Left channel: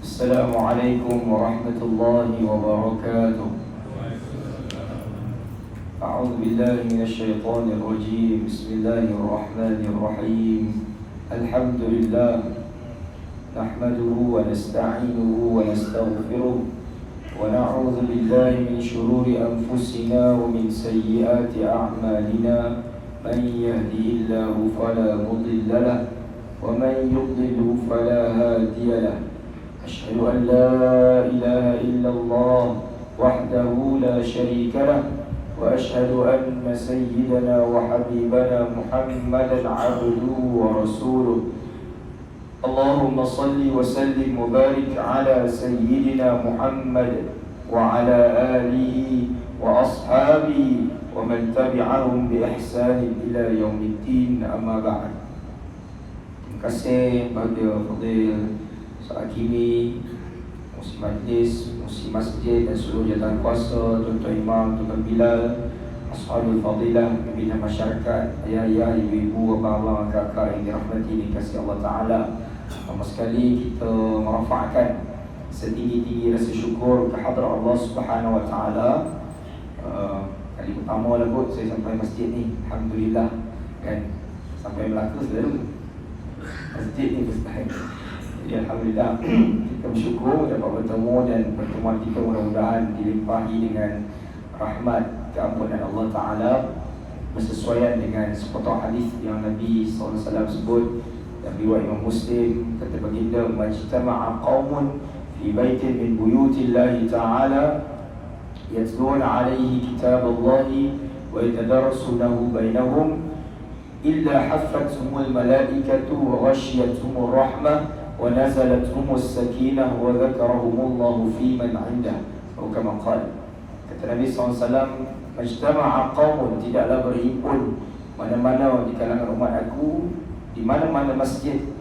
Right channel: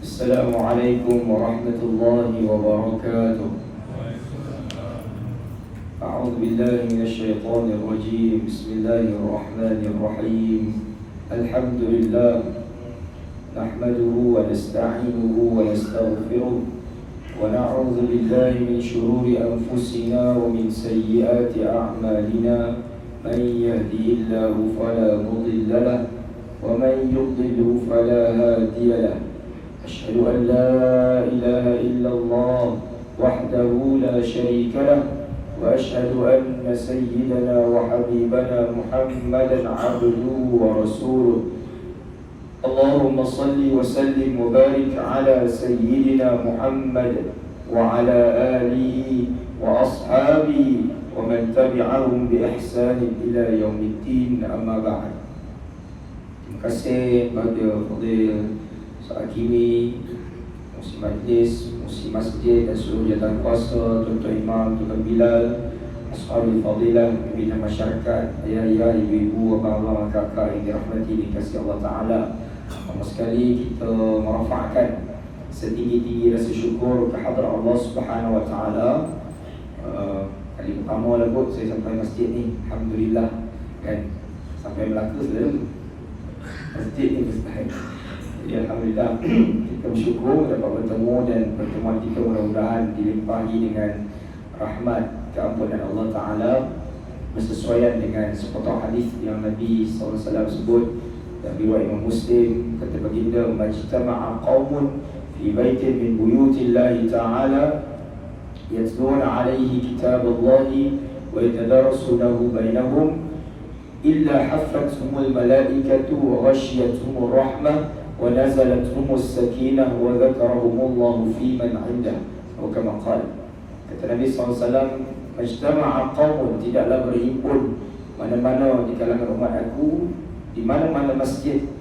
السلام عليكم ورحمة الله وبركاته. أعوذ بالله من الشيطان الرجيم. بسم الله الرحمن الرحيم. الحمد لله نحمده ونستعينه ونستغفره ونعوذ بالله من شرور أنفسنا ومن سيئات أعمالنا. من يهدي الله فلا مضل له ومن يضلل فلا هادي له. أشهد أن لا إله إلا الله وحده لا شريك له وأشهد أن سيدنا وحبيبنا محمدا عبده ورسوله. اللهم صل وسلم وبارك على سيدنا محمد وعلى آله وأصحابه ومن تبعهم بإحسان إلى يوم الدين. أما بعد. Terima kasih kepada Fadil Hakimi, Musi Majlis, Musi Masjid dan seluruh jawatan kuasa, Tuan-Tuan Imam, Tuan Bilal, Ashabul Fadilah, pimpinan masyarakat, ayah-ayah, ibu-ibu, abang-abang, kakak yang dirahmati dan dikasihi Allah Ta'ala. Pertama sekali kita merafakkan setinggi-tinggi rasa syukur kehadrat Allah Subhanahu Wa Ta'ala. Kali pertama lah kot saya sampai masjid ni, Alhamdulillah kan. Sampai Melaka selalu masjid ni Ustaz. Ya, Alhamdulillah kita bersyukur dapat bertemu dan pertemuan kita mudah-mudahan dilimpahi dengan rahmat keampunan Allah Ta'ala bersesuaian dengan sepotong hadis yang Nabi SAW sebut dan riwayat Imam Muslim. Kata baginda, majtama'a qaumun fi baitin min buyutillahi ta'ala yatluna alaihi kitaballahi wa yatadarasunahu bainahum illa haffathumul malaikatu wa ghashiyatuhumur rahmah wa nazalatuhumus sakinah wa dzakarahumullahu fi man 'indah. Atau kama qala, kata Nabi SAW, majtama'a qaumun, tidaklah berhimpun mana-mana di kalangan umat aku di mana-mana masjid,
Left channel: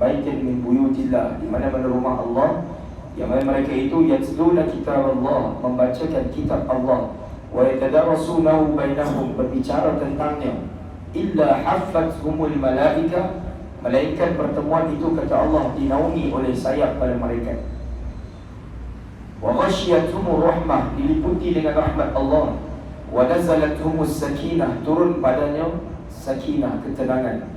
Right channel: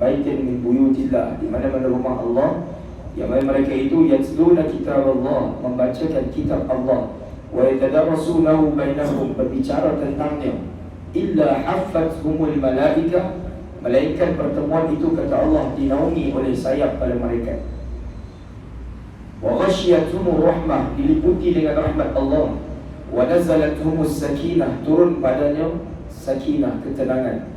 baitin min buyutillah, di mana-mana rumah Allah, yang mana mereka itu yatluna kitab Allah, membacakan kitab Allah, wa yatadarasunahu bainahum, berbicara tentangnya, illa haffathumul malaikah, malaikat pertemuan itu kata Allah dinaungi oleh sayap pada mereka, wa ghashiyatuhumur rahmah, diliputi dengan rahmat Allah, wa nazalatuhumus sakinah, turun padanya sakinah, ketenangan,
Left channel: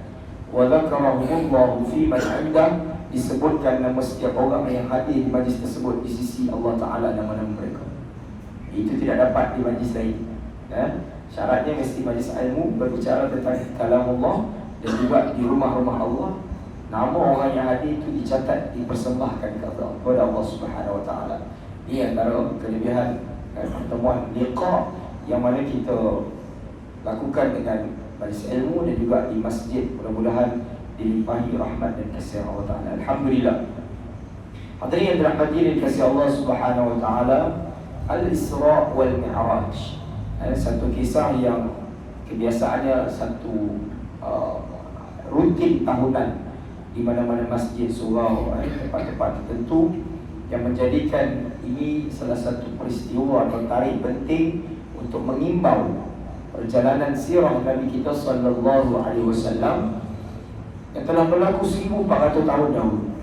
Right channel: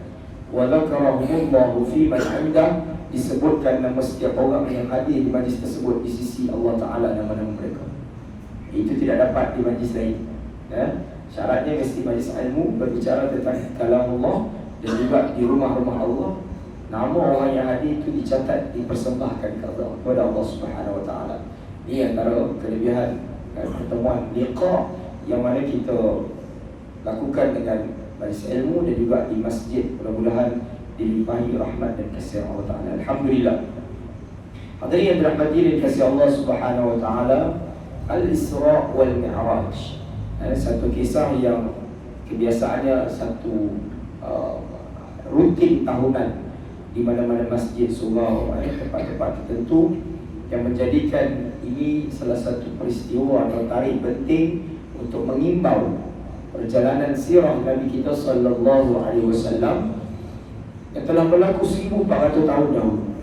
wa dzakarahumullahu fi man 'indah, disebutkan nama setiap orang yang hadir di majlis tersebut di sisi Allah Ta'ala nama-nama mereka. Itu tidak dapat di majlis lain ya? Syaratnya mesti majlis ilmu berbicara tentang kalam Allah, dan juga di rumah-rumah Allah nama orang yang hadir itu dicatat, dipersembahkan kepada Allah Subhanahu Wa Ta'ala. Ini antara kelebihan pertemuan liqa yang mana kita lakukan dengan majlis ilmu dan juga di masjid. Mudah-mudahan dilimpahi rahmat dan kasih Allah Ta'ala. Alhamdulillah. Hadirin yang dirahmati dan kasih Allah Subhanahu Wa Ta'ala, Al-Isra' wal Mi'raj, satu kisah yang kebiasaannya satu rutin tahunan di mana-mana masjid, surau, tempat-tempat tertentu, yang menjadikan ini salah satu peristiwa atau tarikh penting untuk mengimbau perjalanan sirah Nabi kita sallallahu alaihi wasallam yang telah berlaku 1400 tahun dahulu.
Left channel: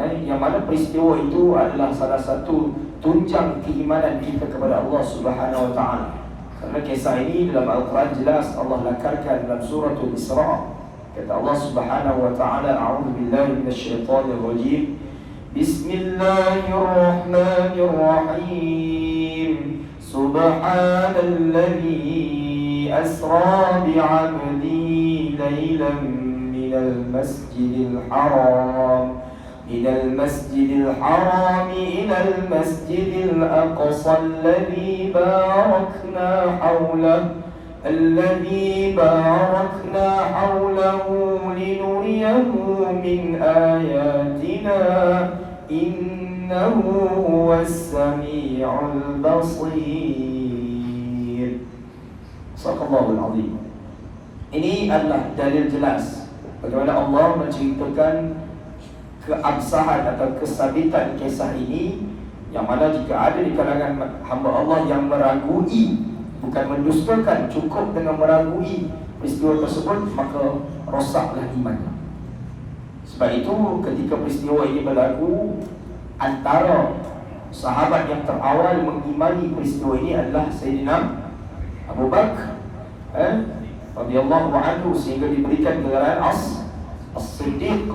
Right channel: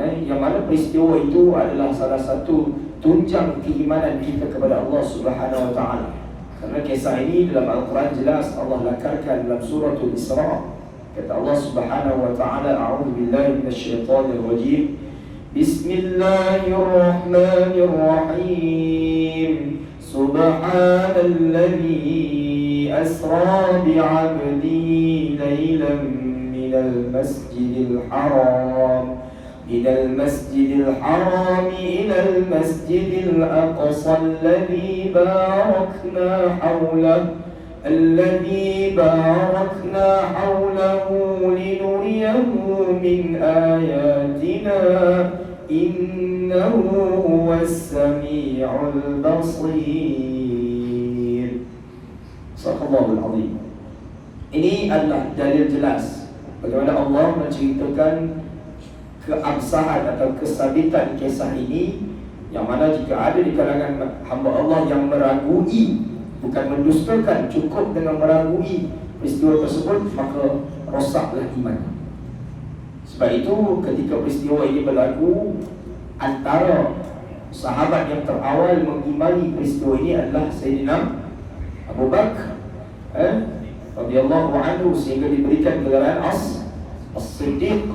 Yang mana peristiwa itu adalah salah satu tunjang keimanan kita kepada Allah Subhanahu Wa Ta'ala. Karena kisah ini dalam Al-Quran jelas Allah lakarkan dalam suratul Isra'. Kata Allah Subhanahu Wa Ta'ala, a'udzu billahi minasyaitonir rajim. Bismillahirrahmanirrahim. Subhanalladzi asra bi'abdihi laylan minal masjidil haram إلى المسجد الحرام إلى المسجد الأقصى الذي باركنا حوله لنريه من آياتنا إنه هو السميع البصير. Sadaqallahul Azim. Ini adalah dalil jelas bagaimana Allah menceritakan keabsahan atau kesabitan kisah ini, yang mana jika ada di kalangan hamba Allah yang meragui, bukan mendustakan, cukup dengan meragui peristiwa tersebut, maka rosaklah iman. Sebab itu ketika peristiwa ini berlaku, antara sahabat yang terawal mengimani peristiwa ini adalah Sayyidina Abu Bakar radhiyallahu anhu, sehingga diberikan gelar As-Siddiq,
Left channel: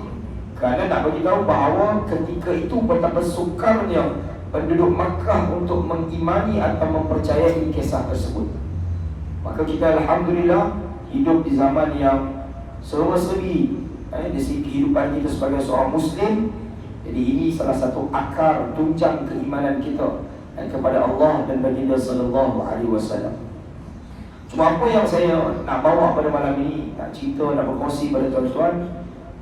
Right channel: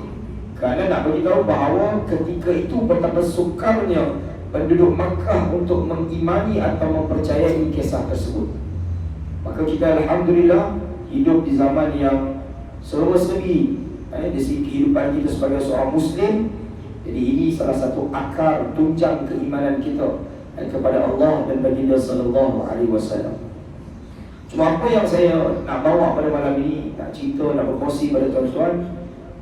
kerana nak beritahu bahawa ketika itu betapa sukarnya penduduk Makkah untuk mengimani atau mempercayai kisah tersebut. Maka kita alhamdulillah hidup di zaman yang serba-serbi dari segi kehidupan kita sebagai seorang Muslim. Jadi ini salah satu akar tunjang keimanan kita kepada Allah dan baginda sallallahu alaihi wasallam. Cuma apa yang saya nak bawa pada malam ini, nak cerita, nak berkongsi pada tuan-tuan,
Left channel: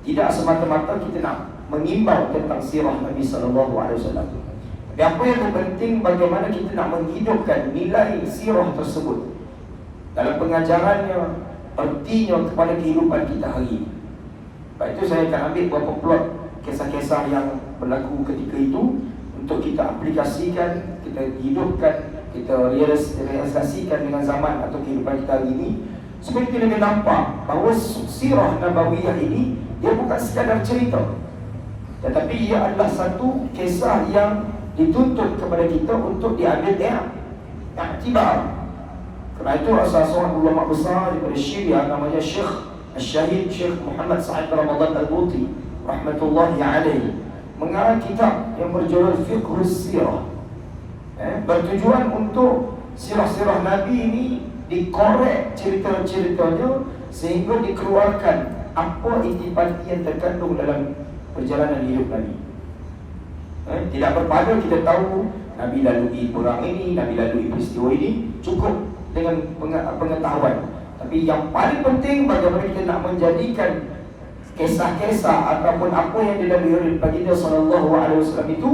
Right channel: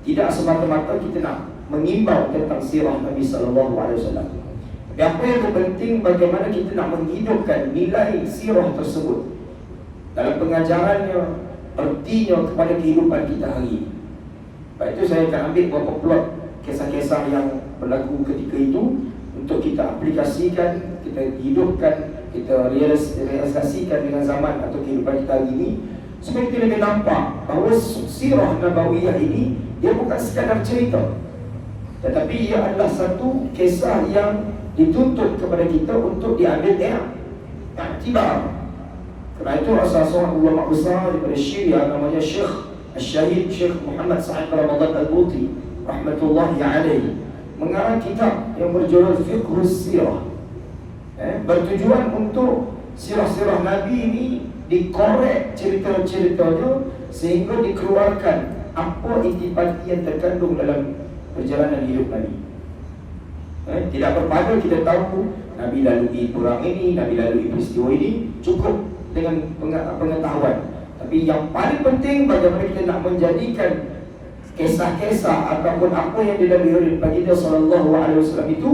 tidak semata-mata kita nak mengimbau tentang sirah Nabi sallallahu alaihi wasallam. Yang apa yang terpenting, bagaimana kita nak menghidupkan nilai sirah tersebut dalam pengajarannya, artinya kepada kehidupan kita hari ini. Sebab itu saya akan ambil beberapa plot kisah-kisah yang berlaku ketika itu untuk kita aplikasikan, kita hidupkan, kita realisasikan dengan zaman atau kehidupan kita hari ini, supaya kita lebih nampak bahawa sirah Nabawiyah ini dia bukan sekadar cerita, tetapi ia adalah satu kisah yang dituntut kepada kita untuk diambil iktibar. Kerana itu salah seorang ulama besar daripada Syria namanya Syekh Al-Syahid Syekh Muhammad Sa'id Ramadan Al-Buti rahmatullahi alaihi mengarang kitab yang berjudul Fiqhus Sirah, bertujuan untuk sirah-sirah Nabi ini dikorek cerita-ceritanya sehingga dikeluarkan apa intisari yang terkandung dalam perjalanan hidup Nabi. Tidak berpada kita tahu Nabi lalui perang ini, Nabi lalui peristiwa ini, cukup dengan pengetahuan. Tapi yang paling penting, bagaimana kita nak menjadikan kisah-kisah ataupun apa yang dilalui oleh baginda sallallahu alaihi wasallam itu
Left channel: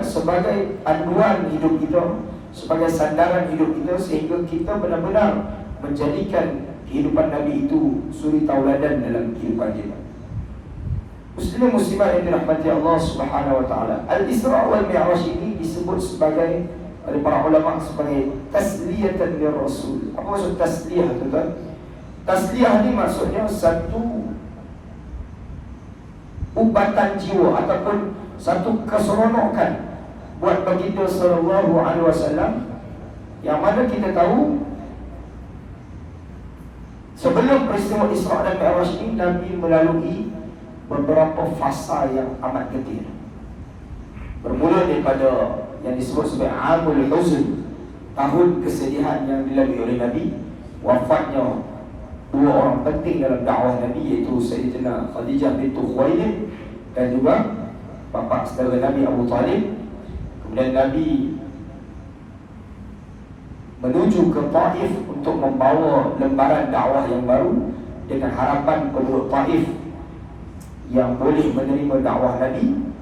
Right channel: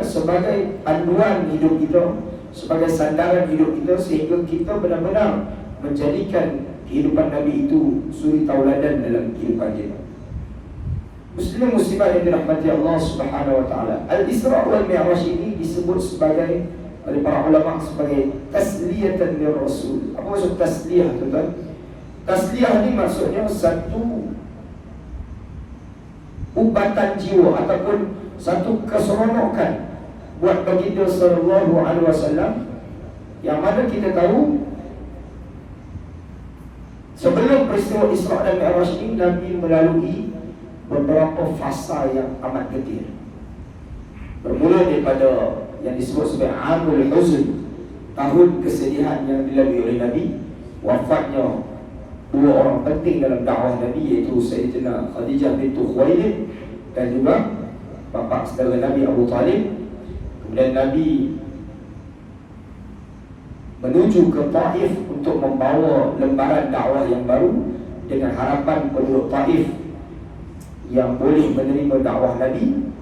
sebagai panduan hidup kita, sebagai sandaran hidup kita, sehingga kita benar-benar menjadikan kehidupan Nabi itu suri tauladan dalam kehidupan kita. Muslim muslimah yang dirahmati Allah Subhanahu wa taala, Al-Isra wal Mi'raj ini disebut sebagai oleh para ulama sebagai tasliyatan lir Rasul. Apa maksud tasliyah, tuan-tuan? Tasliyah ni maksudnya satu ubatan jiwa ataupun satu keseronokan buat baginda sallallahu alaihi wasallam, yang mana kita tahu sebelum peristiwa Isra dan Mi'raj ini Nabi melalui beberapa fasa yang amat getir. Bermula daripada yang disebut sebagai Amul Huzn, tahun kesedihan yang dilalui oleh Nabi, wafatnya dua orang penting dalam dakwah Nabi, iaitu Sayyidina Khadijah bintu Khuwailid dan juga bapa saudara Nabi Abu Talib. Kemudian Nabi menuju ke Taif untuk membawa lembaran dakwah yang baru dengan harapan penduduk Taif yang boleh menerima dakwah Nabi.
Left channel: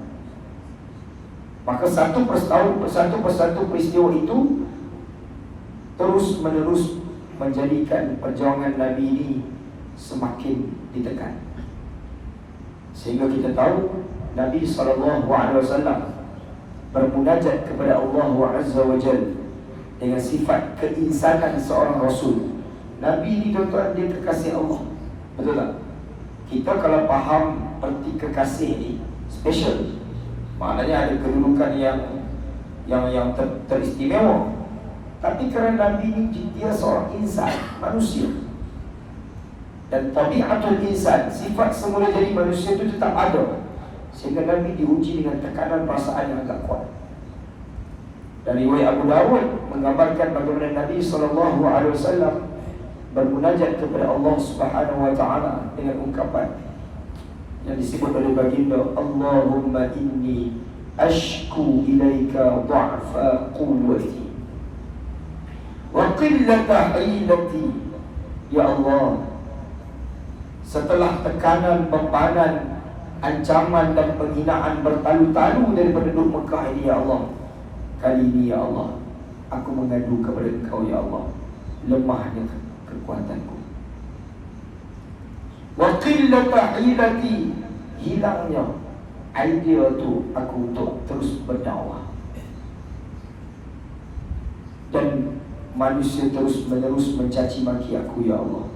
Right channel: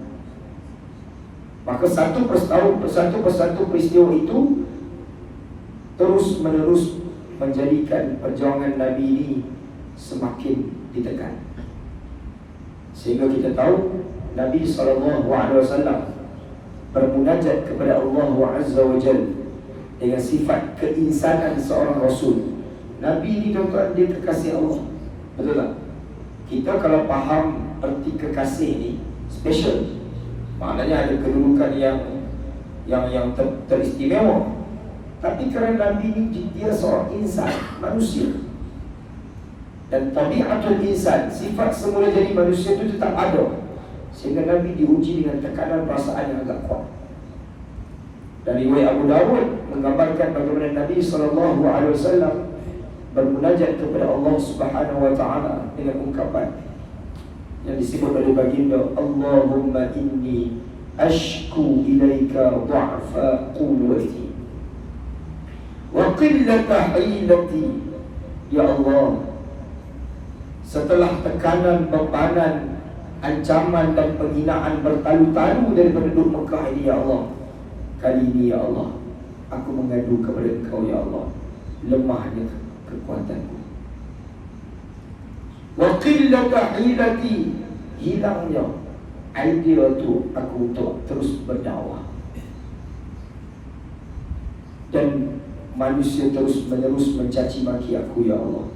Maka satu persatu peristiwa itu terus menerus menjadikan perjuangan Nabi ini semakin ditekan, sehingga kita tahu Nabi SAW bermunajat kepada Allah Azza wa Jalla dengan sifat keinsanan seorang Rasul. Nabi ini, tuan-tuan, dia kekasih Allah. Betul tak? Kita kalau faham erti kekasih ni special, maknanya ada kedudukan yang teristimewa. Tapi kerana Nabi ni dia seorang insan, manusia, dan tabiatul insan, sifat semula jadi manusia itu tetap ada, sehingga Nabi diuji dengan tekanan perasaan yang agak kuat. Dan riwayat Abu Dawud menggambarkan bagaimana Nabi SAW bermunajat kepada Allah Subhanahu wa taala dengan ungkapan yang disebut oleh baginda, Allahumma inni ashku ilaika dha'fa quwwati wa qillata hilati. Ya Allah, setelah tekanan, bebanan, ancaman dan penghinaan bertalu-talu dari penduduk Mekah ini, ya Allah, kali ini ya Allah, aku mengadu kepada Engkau ya Allah, lemahnya kekuatanku. Wa qillata hilati, hilangnya idea tu aku untuk terus berdakwah, dan manusia terus menerus mencaci maki aku ya Allah.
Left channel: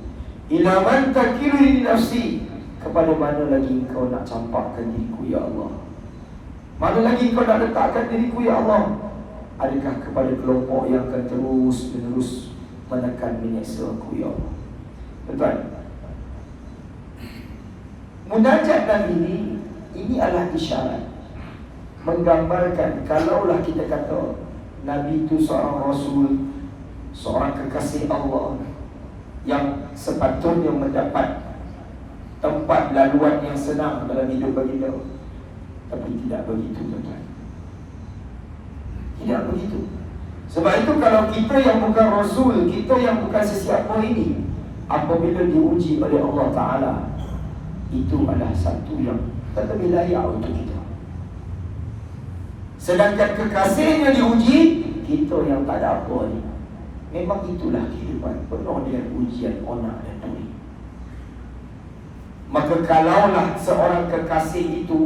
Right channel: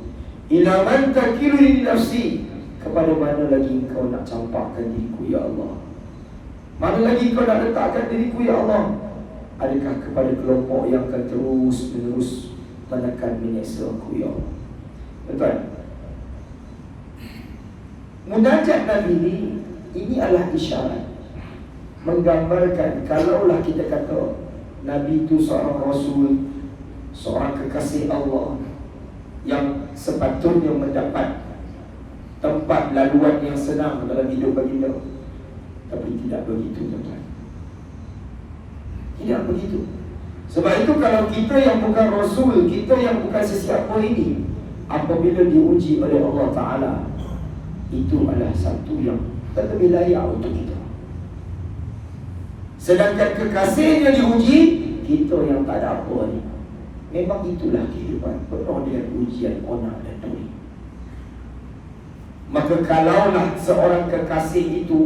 Ila man takiluni nafsi, kepada mana lagi Engkau nak campakkan diriku ya Allah. Mana lagi kau nak letakkan diriku ya Allah? Adakah kepada kelompok yang akan terus menerus menekan menyeksa aku ya Allah? Tuan, munajat Nabi ini adalah isyarat menggambarkan kalaulah kita kata Nabi itu seorang Rasul, seorang kekasih Allah yang sepatutnya mendapat tempat laluan yang senang dalam hidup baginda. Tapi tidak begitu, tuan-tuan. Tidak begitu. Sebab itu kalau kita yang bukan Rasul, kita yang bukan sesiapa ini, apabila diuji oleh Allah Ta'ala, itu adalah satu yang terlebih layak untuk kita. Sedangkan kekasihnya diuji, kita yang tak ada apa ni. Memang itulah kehidupan, penuh dengan ujian onak dan duri. Maka kalaulah seorang kekasih itu,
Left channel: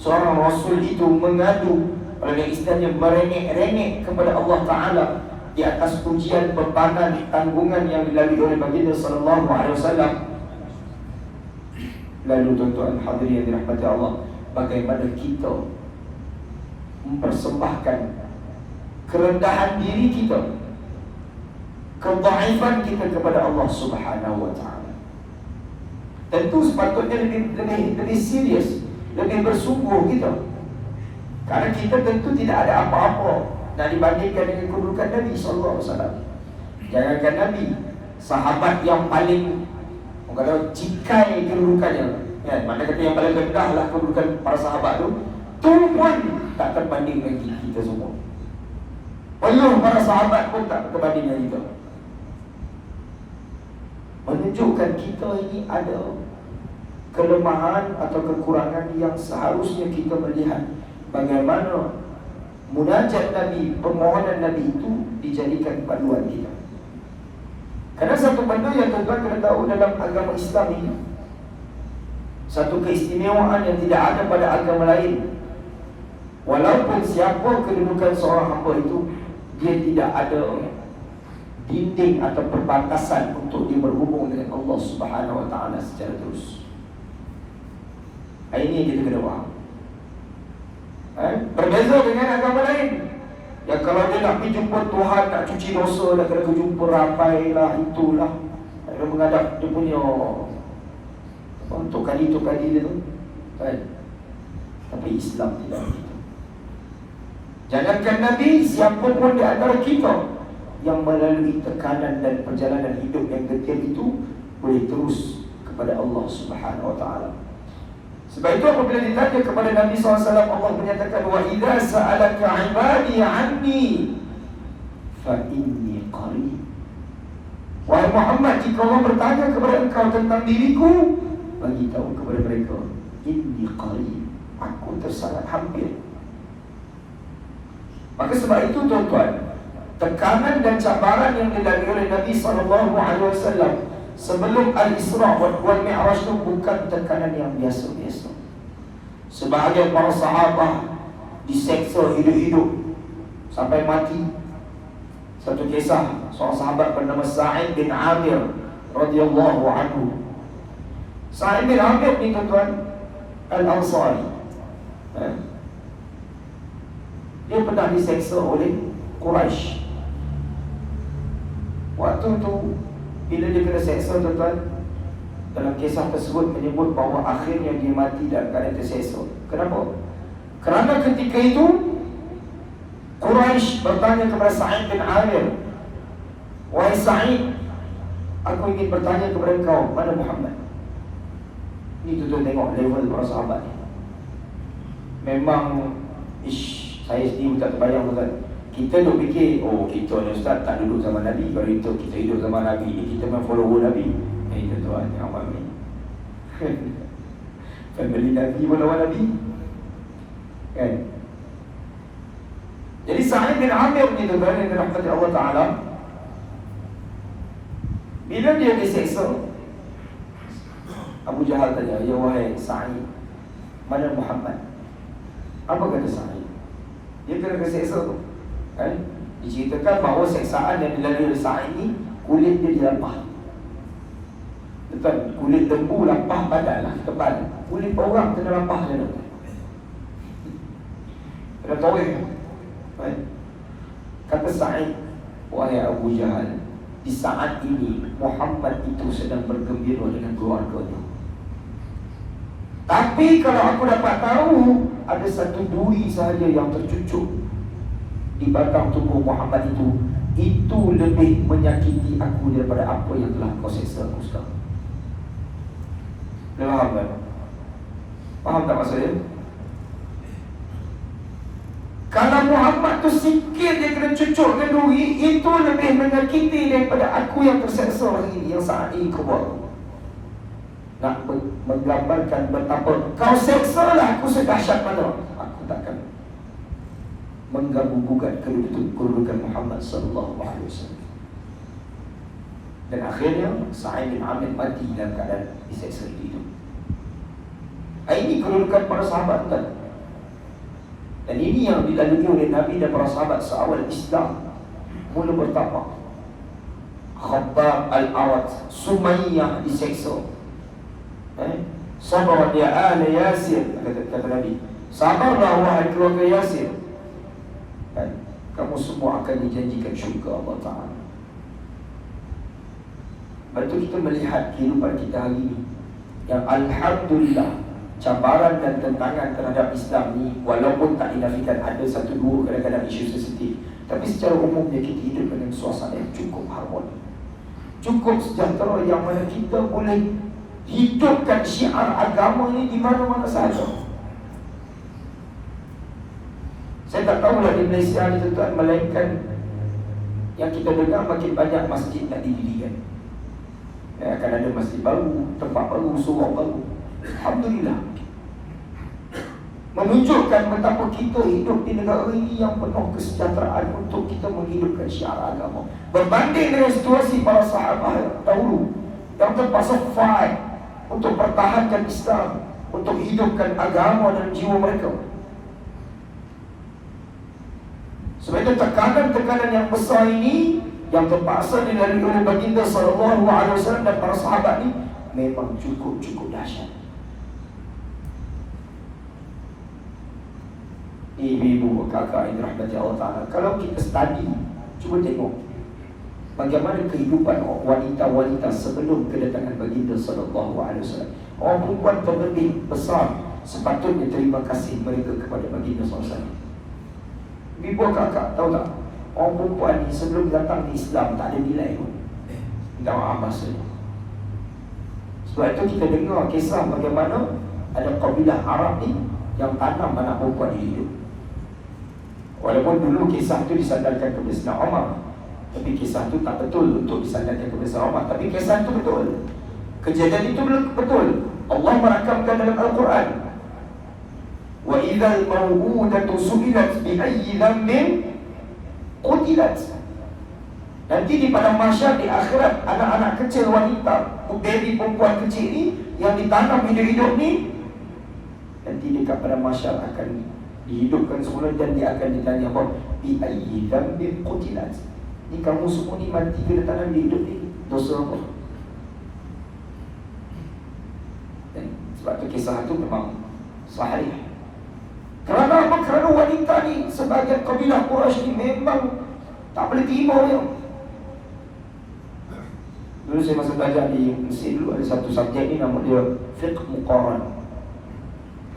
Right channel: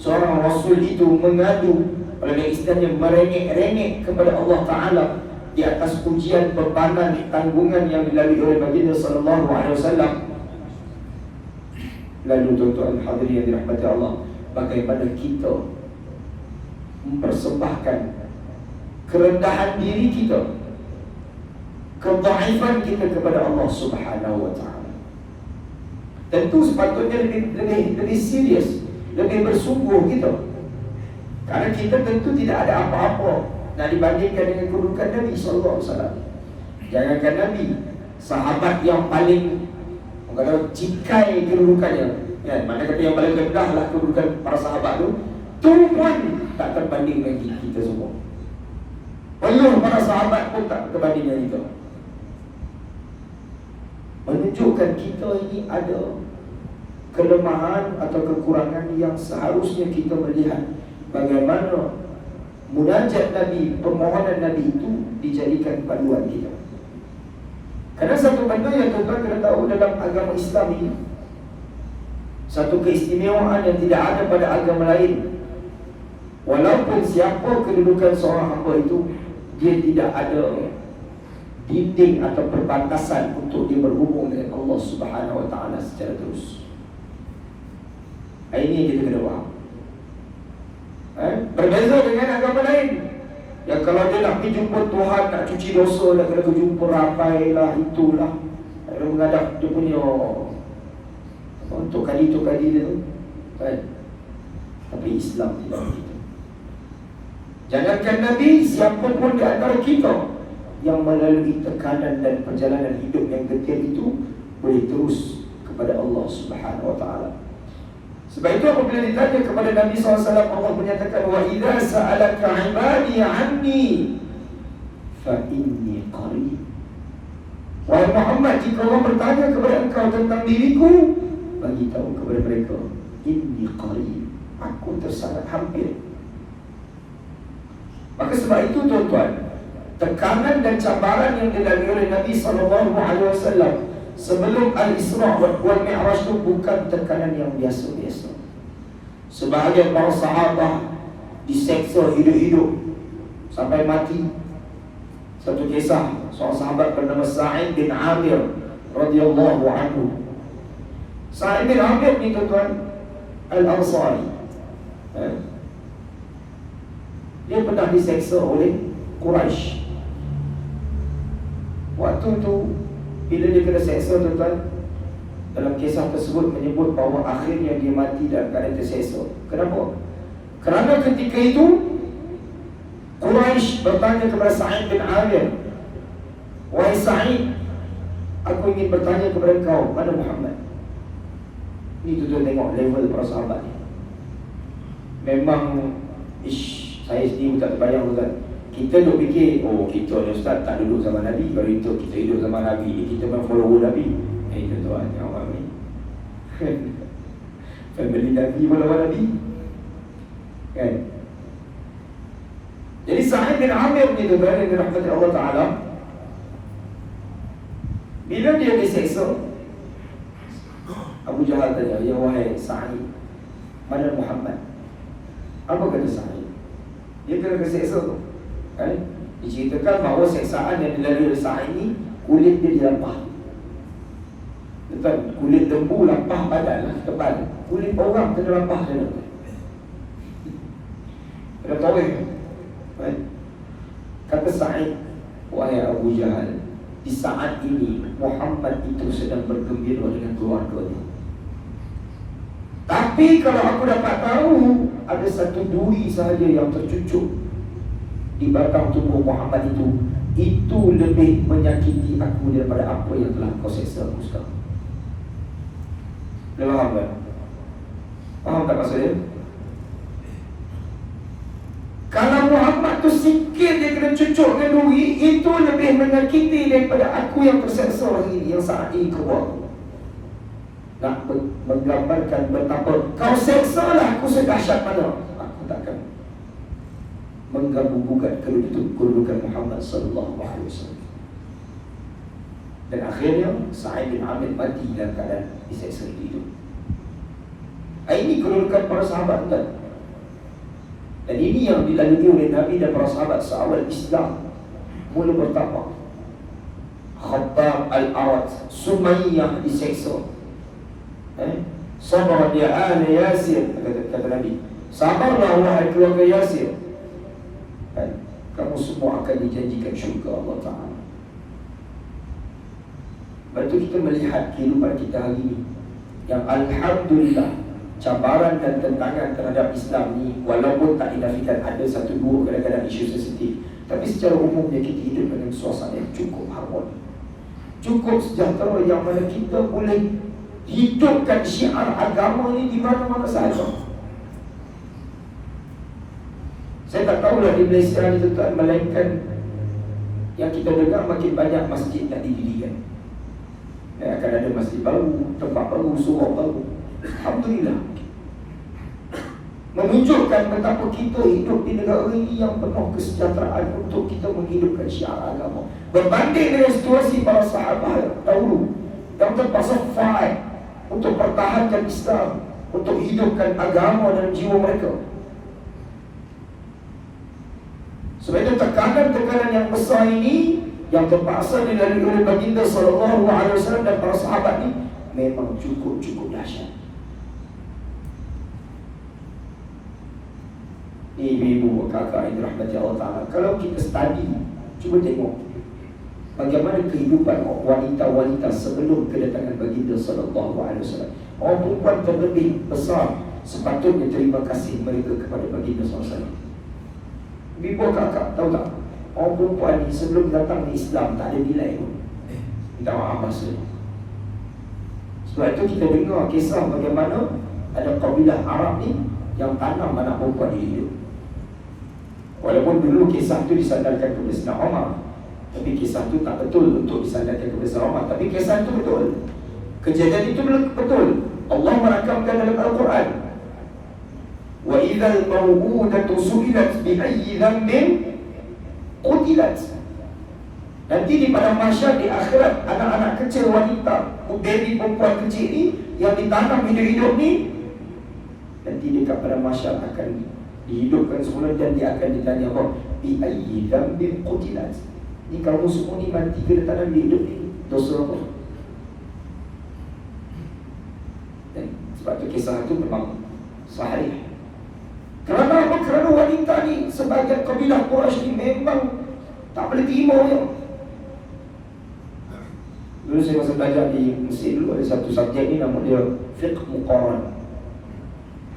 seorang Rasul itu mengadu, oleh istilahnya merengek-rengek kepada Allah Ta'ala di atas ujian bebanan tanggungan yang dilalui oleh baginda sallallahu alaihi wasallam, lalu tuan-tuan hadirin yang dirahmati Allah, bagaimana kita mempersembahkan kerendahan diri kita, kedhaifan kita kepada Allah Subhanahu wa Ta'ala. Tentu sepatutnya lebih serius, lebih bersungguh kita, karena kita tentu tidak ada apa-apa nak dibandingkan dengan kedudukan Nabi SAW. Jangankan Nabi, sahabat yang paling kalau cikai kedudukannya, ya, mana kata yang paling rendah lah kedudukan para sahabat tu pun tak terbanding dengan kita semua. Peluh para sahabat pun tak terbanding dengan kita. Menunjukkan kita ini ada kelemahan atau kekurangan yang seharusnya kita melihat bagaimana munajat Nabi, permohonan Nabi itu dijadikan panduan kita. Kerana satu benda yang tuan-tuan kena tahu dalam agama Islam ini, satu keistimewaan yang tidak ada pada agama lain. Walaupun siapa kedudukan seorang hamba itu, dia tidak ada dinding atau perbatasan untuk dia berhubung dengan Allah Subhanahu wa Ta'ala secara terus. Ini kita kena faham. Berbeza dengan agama lain yang kalau dia nak pergi jumpa Tuhan, nak cuci dosa, nak kena jumpa ramai lah, itulah dia menghadap dia punya untuk kali dia tu kan? Tapi Islam tidak begitu. Jangankan Nabi, siapa pun di antara kita yang melalui tekanan dan perjalanan hidup yang getir itu boleh terus kepada Allah Subhanahu wa Ta'ala. Sebab itu apabila ditanya kepada Nabi SAW, Allah menyatakan, wa idza sa'alaka 'ibadi 'anni fa inni qarib. Wahai Muhammad, jika Allah bertanya kepada engkau tentang diriku, bagi tahu kepada mereka, inni qarib, aku tersangat hampir. Maka sebab itu tuan-tuan, tekanan dan cabaran yang dilalui oleh Nabi SAW sebelum Al-Isra' wal Mi'raj itu bukan tekanan yang biasa-biasa. Sebahagian para sahabat diseksa hidup-hidup sampai mati. Satu kisah, seorang sahabat bernama Sa'id bin Amir radhiyallahu anhu. Sa'id bin Amir ni tuan-tuan Al-Ansari, dia pernah diseksa oleh Quraisy. Waktu tu bila dia kena seksa, tuan-tuan, dalam kisah tersebut menyebut bahawa akhirnya dia mati dalam keadaan terseksa. Kenapa? Kerana ketika itu Quraisy bertanya kepada Sa'id bin Amir, wahai Sa'id, aku ingin bertanya kepada engkau, mana Muhammad? Ini tuan-tuan tengok level para sahabat ni. Memang saya sendiri tak terbayang, tuan-tuan. Kita duk fikir, oh kita ni Ustaz tak duduk zaman Nabi, kalau itu kita hidup zaman Nabi ni, kita memang follower Nabi. Tuan-tuan, awam ni family Nabi pun lawan Nabi kan. Jadi Sa'id bin Amir ni tuan-tuan yang dirahmati Allah Ta'ala, bila dia diseksa, Abu Jahal tanya, ya wahai Sa'id, mana Muhammad? Apa kata Sa'id? Dia kena keseksa tu kan? Diceritakan bahawa seksaan yang dilalui oleh Sa'id ni, kulit dia dilampah. Betul, kulit lembu lampah badan lah, tebal. Kulit orang kena lampah dia. Ada tahu kan? Kata Sa'id, wahai Abu Jahal, di saat ini Muhammad itu sedang bergembira dengan keluarganya. Tapi kalau aku dapat tahu ada satu duri sahaja yang tercucuk di batang tubuh Muhammad itu lebih menyakiti aku daripada apa yang telah kau seksa aku sekarang. Faham tak? Faham tak maksudnya? Kalau Muhammad tu sikit dia kena cucuk dengan duri, itu lebih menyakiti daripada aku yang terseksa hari ini, yang saat ini kau buat. Nak menggambarkan betapa kau seksa lah aku sedahsyat mana, aku takkan mengganggu-gugat kedudukan Muhammad sallallahu alaihi wasallam. Dan akhirnya Sa'id bin Amir mati dalam keadaan diseksa hidup. Ini kedudukan para sahabat kan? Dan ini yang dilalui oleh Nabi dan para sahabat seawal Islam mula bertapa. Khabbab al-Arat, Sumayyah diseksa. Sabar ya ahli Yasir, kata Nabi. Sabarlah wahai keluarga Yasir. Kamu semua akan dijanjikan syurga Allah Ta'ala. Lepas itu kita melihat kehidupan kita hari ini yang Alhamdulillah, cabaran dan tentangan terhadap Islam ni walaupun tak dinafikan ada satu dua kadang-kadang isu sensitif, tapi secara umumnya kita hidup dengan suasana yang cukup harmoni, cukup sejahtera, yang mana kita boleh hidupkan syiar agama ni di mana-mana sahaja. Saya tak tahulah di Malaysia ni tuan-tuan, melainkan yang kita dengar makin banyak masjid nak didirikan. Akan ada masjid baru, tempat baru, surau baru. Alhamdulillah, menunjukkan betapa kita hidup di negara ini yang penuh kesejahteraan untuk kita menghidupkan syiar agama. Berbanding dengan situasi para sahabat dahulu yang terpaksa fight untuk pertahankan Islam, untuk hidupkan agama dan jiwa mereka. Sebab itu tekanan-tekanan yang besar ini yang terpaksa dilalui oleh baginda sallallahu alaihi wasallam dan para sahabat ini memang cukup dahsyat. Ibu-ibu, kakak yang dirahmati Allah Ta'ala, kalau kita study, cuba tengok bagaimana kehidupan wanita-wanita sebelum kedatangan baginda sallallahu alaihi wasallam. Orang perempuan terlebih besar sepatutnya terima kasih mereka kepada baginda sallallahu alaihi wasallam. Ibu kakak, tahu tak? Orang perempuan ni sebelum datang di Islam tak ada nilai pun. Minta maaf maksudnya. Sebab itu kita dengar kisah bagaimana ada kabilah Arab ni yang tanam anak perempuan di hidup. Walaupun dulu kisah itu disandarkan kepada Sayyidina Umar, tapi kisah itu tak betul untuk disandarkan kepada Sayyidina Umar. Tapi kisah itu betul. Kejadian itu betul. Allah merakamkan dalam Al-Quran. Wa idzal maw'udatu su'ilat bi ayyi dhanbin qutilat. Nanti di padang mahsyar di akhirat, anak-anak kecil wanita, baby perempuan kecil ni yang ditanam hidup-hidup ni, nanti dekat padang mahsyar akan dihidupkan semula dan dia akan ditanya apa? Bi ayyi dhanbin qutilat. Ni kamu semua ni mati kena tanam di hidup ni, dosa apa? Sebab tu kisah tu memang sahih. Kerana apa? Kerana wanita ni sebagai kabilah Quraisy ni memang tak boleh terima dia. Dulu saya masa belajar di Mesir dulu ada satu subjek ni nama dia fiqh muqaran.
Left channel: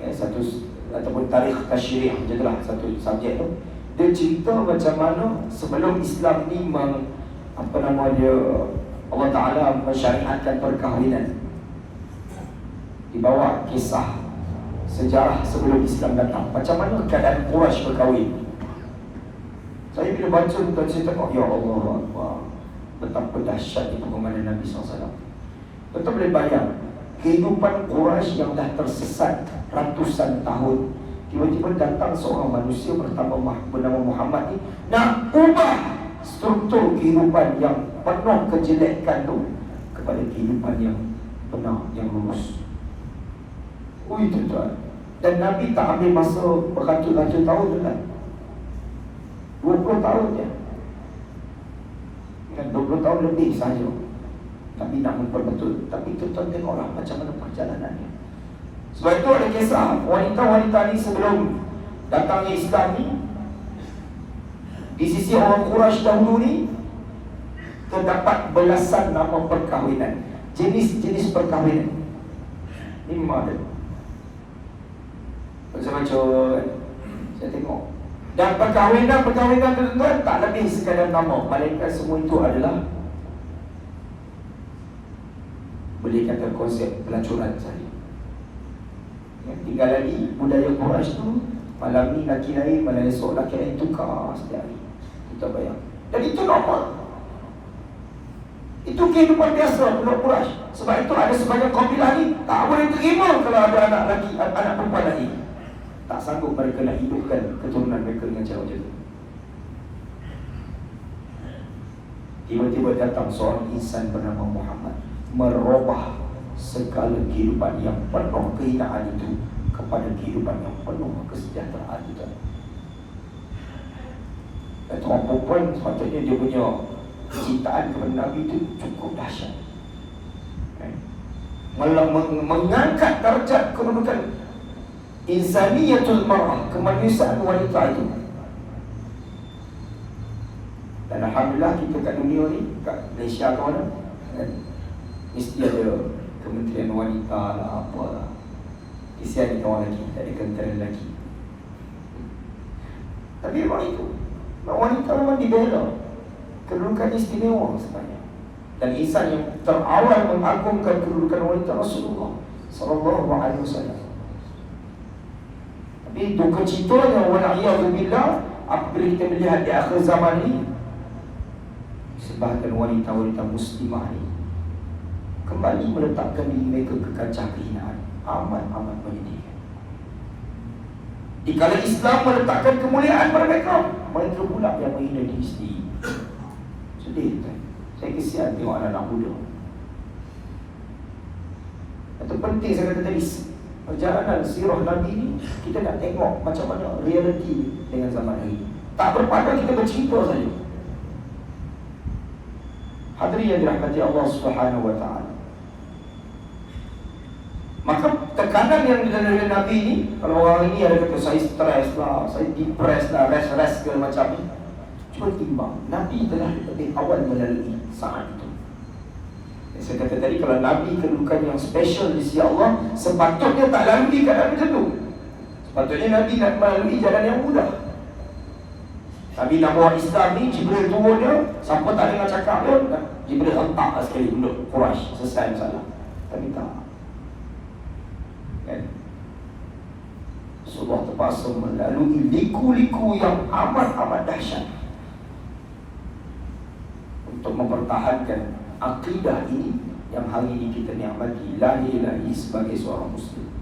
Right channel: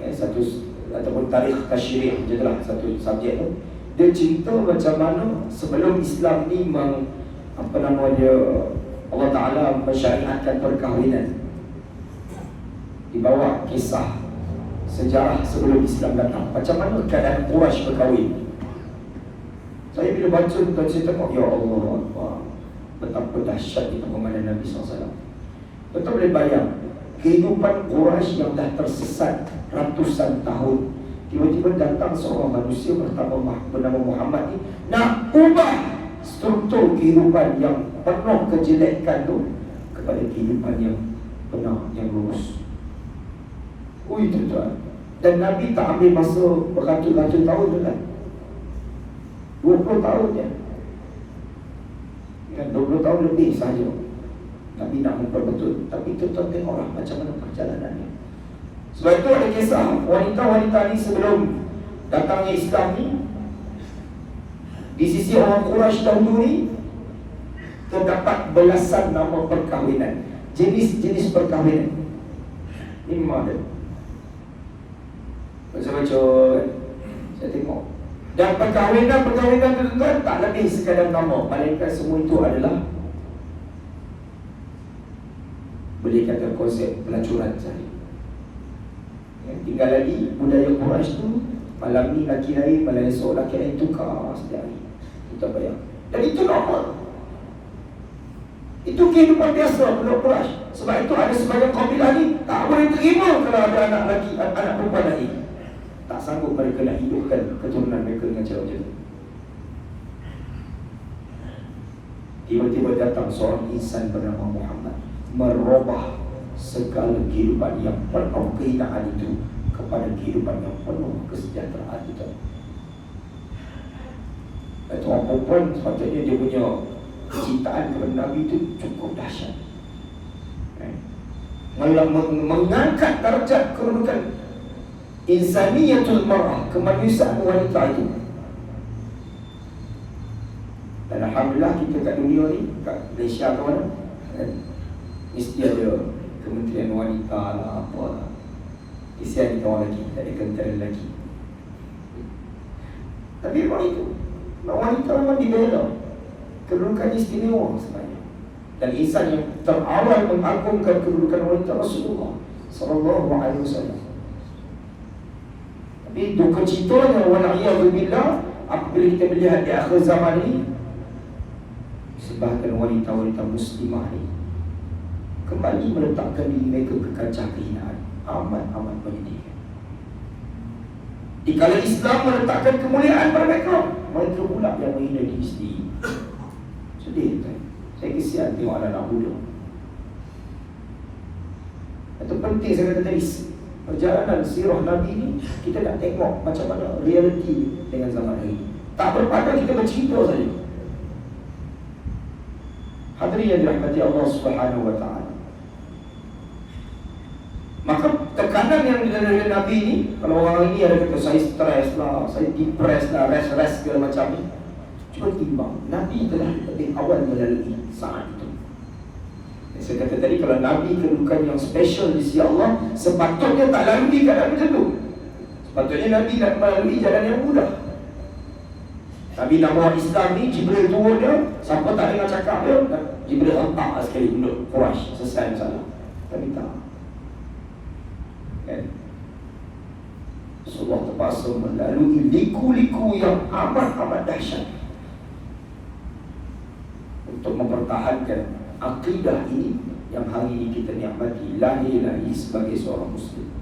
Satu ataupun tarikh tasyri', macam itulah satu subjek tu. Dia cerita macam mana sebelum Islam ni Allah Ta'ala mensyariatkan perkahwinan. Dibawa kisah sejarah sebelum Islam datang, macam mana keadaan Quraisy berkahwin. Saya bila baca tuan saya tengok, ya Allah, betapa dahsyat itu pengamalan Nabi SAW. Betul boleh bayang kehidupan Quraisy yang dah tersesat ratusan tahun, tiba-tiba datang seorang manusia bernama Muhammad ni nak ubah struktur kehidupan yang penuh kejelekan tu kepada kehidupan yang benar, yang lurus. Tuan. Dan Nabi tak ambil masa beratus-ratus tahun tu kan, 20 tahun je, 20 tahun lebih saja Nabi nak memperbetul. Tapi tuan tengoklah macam mana perjalanannya. Sebab itu ada kisah wanita-wanita ni sebelum datangnya Islam ni di sisi orang Quraisy dahulu ni terdapat belasan nama perkahwinan, jenis-jenis perkahwinan. Ini memang ada. Saya baca, saya tengok. Dan perkahwinan tuan-tuan tak lebih sekadar nama, melainkan semua itu adalah boleh kata konsep pelacuran sahaja. Tinggal lagi budaya Quraisy tu, malam ni laki lain, malam esok laki lain, tukar setiap hari. Kita bayang. Dan itu normal. Itu kehidupan biasa budak Quraisy. Sebab itu ada sebagian kabilah ni tak boleh terima kalau ada anak lelaki, anak perempuan lagi. Tak sanggup mereka nak hidupkan keturunan mereka dengan cara macam tu. Tiba-tiba datang seorang insan bernama Muhammad, merubah segala kehidupan yang penuh kehinaan itu kepada kehidupan yang penuh kesejahteraan itu. Dan orang perempuan sepatutnya dia punya kecintaan kepada Nabi itu cukup dahsyat. Mengangkat darjat kedudukan insaniyatul mar'ah, kemanusiaan wanita itu. Dan Alhamdulillah kita kat dunia ni, kat Malaysia ke mana, mesti ada Kementerian Wanita lah, apa lah. Kesian kita orang lelaki, tak ada kementerian lelaki. Tapi wanita memang dibela, kedudukan istimewa sebenarnya. Dan insan yang terawal mengagungkan kedudukan wanita Rasulullah sallallahu alaihi wasallam. Tapi duka citanya wala'iyadzubillah, apabila kita melihat di akhir zaman ini, sebahagian wanita-wanita muslimah ini kembali meletakkan diri mereka ke kancah kehinaan. Amat menyedihkan. Dikala Islam meletakkan kemuliaan pada mereka, mereka pula yang menghina diri sendiri. Sedih kan? Saya kesian tengok anak-anak muda. Itu penting saya kata tadi, perjalanan sirah Nabi ni kita nak tengok macam mana realiti dengan zaman hari ini. Tak berpada kita bercerita saja. Hadirin yang dirahmati Allah Subhanahu wa taala. Maka tekanan yang dari Nabi ni, kalau orang ini ada kata saya stres lah, saya depressed lah, rest segala macam ni, cuba timbang, Nabi telah lebih awal melalui saat itu. Saya kata tadi, kalau Nabi kedudukan yang special di sisi Allah, sepatutnya tak lalui keadaan macam tu. Sepatutnya Nabi nak melalui jalan yang mudah. Nabi nak bawa Islam ni, Jibril turun dia, siapa tak dengar cakap dia, Jibril hentak sekali untuk Quraisy, selesai masalah. Tapi tak. Rasulullah terpaksa melalui liku-liku yang amat dahsyat untuk mempertahankan akidah ini yang hari ini kita nikmati, lahir lagi sebagai seorang Muslim.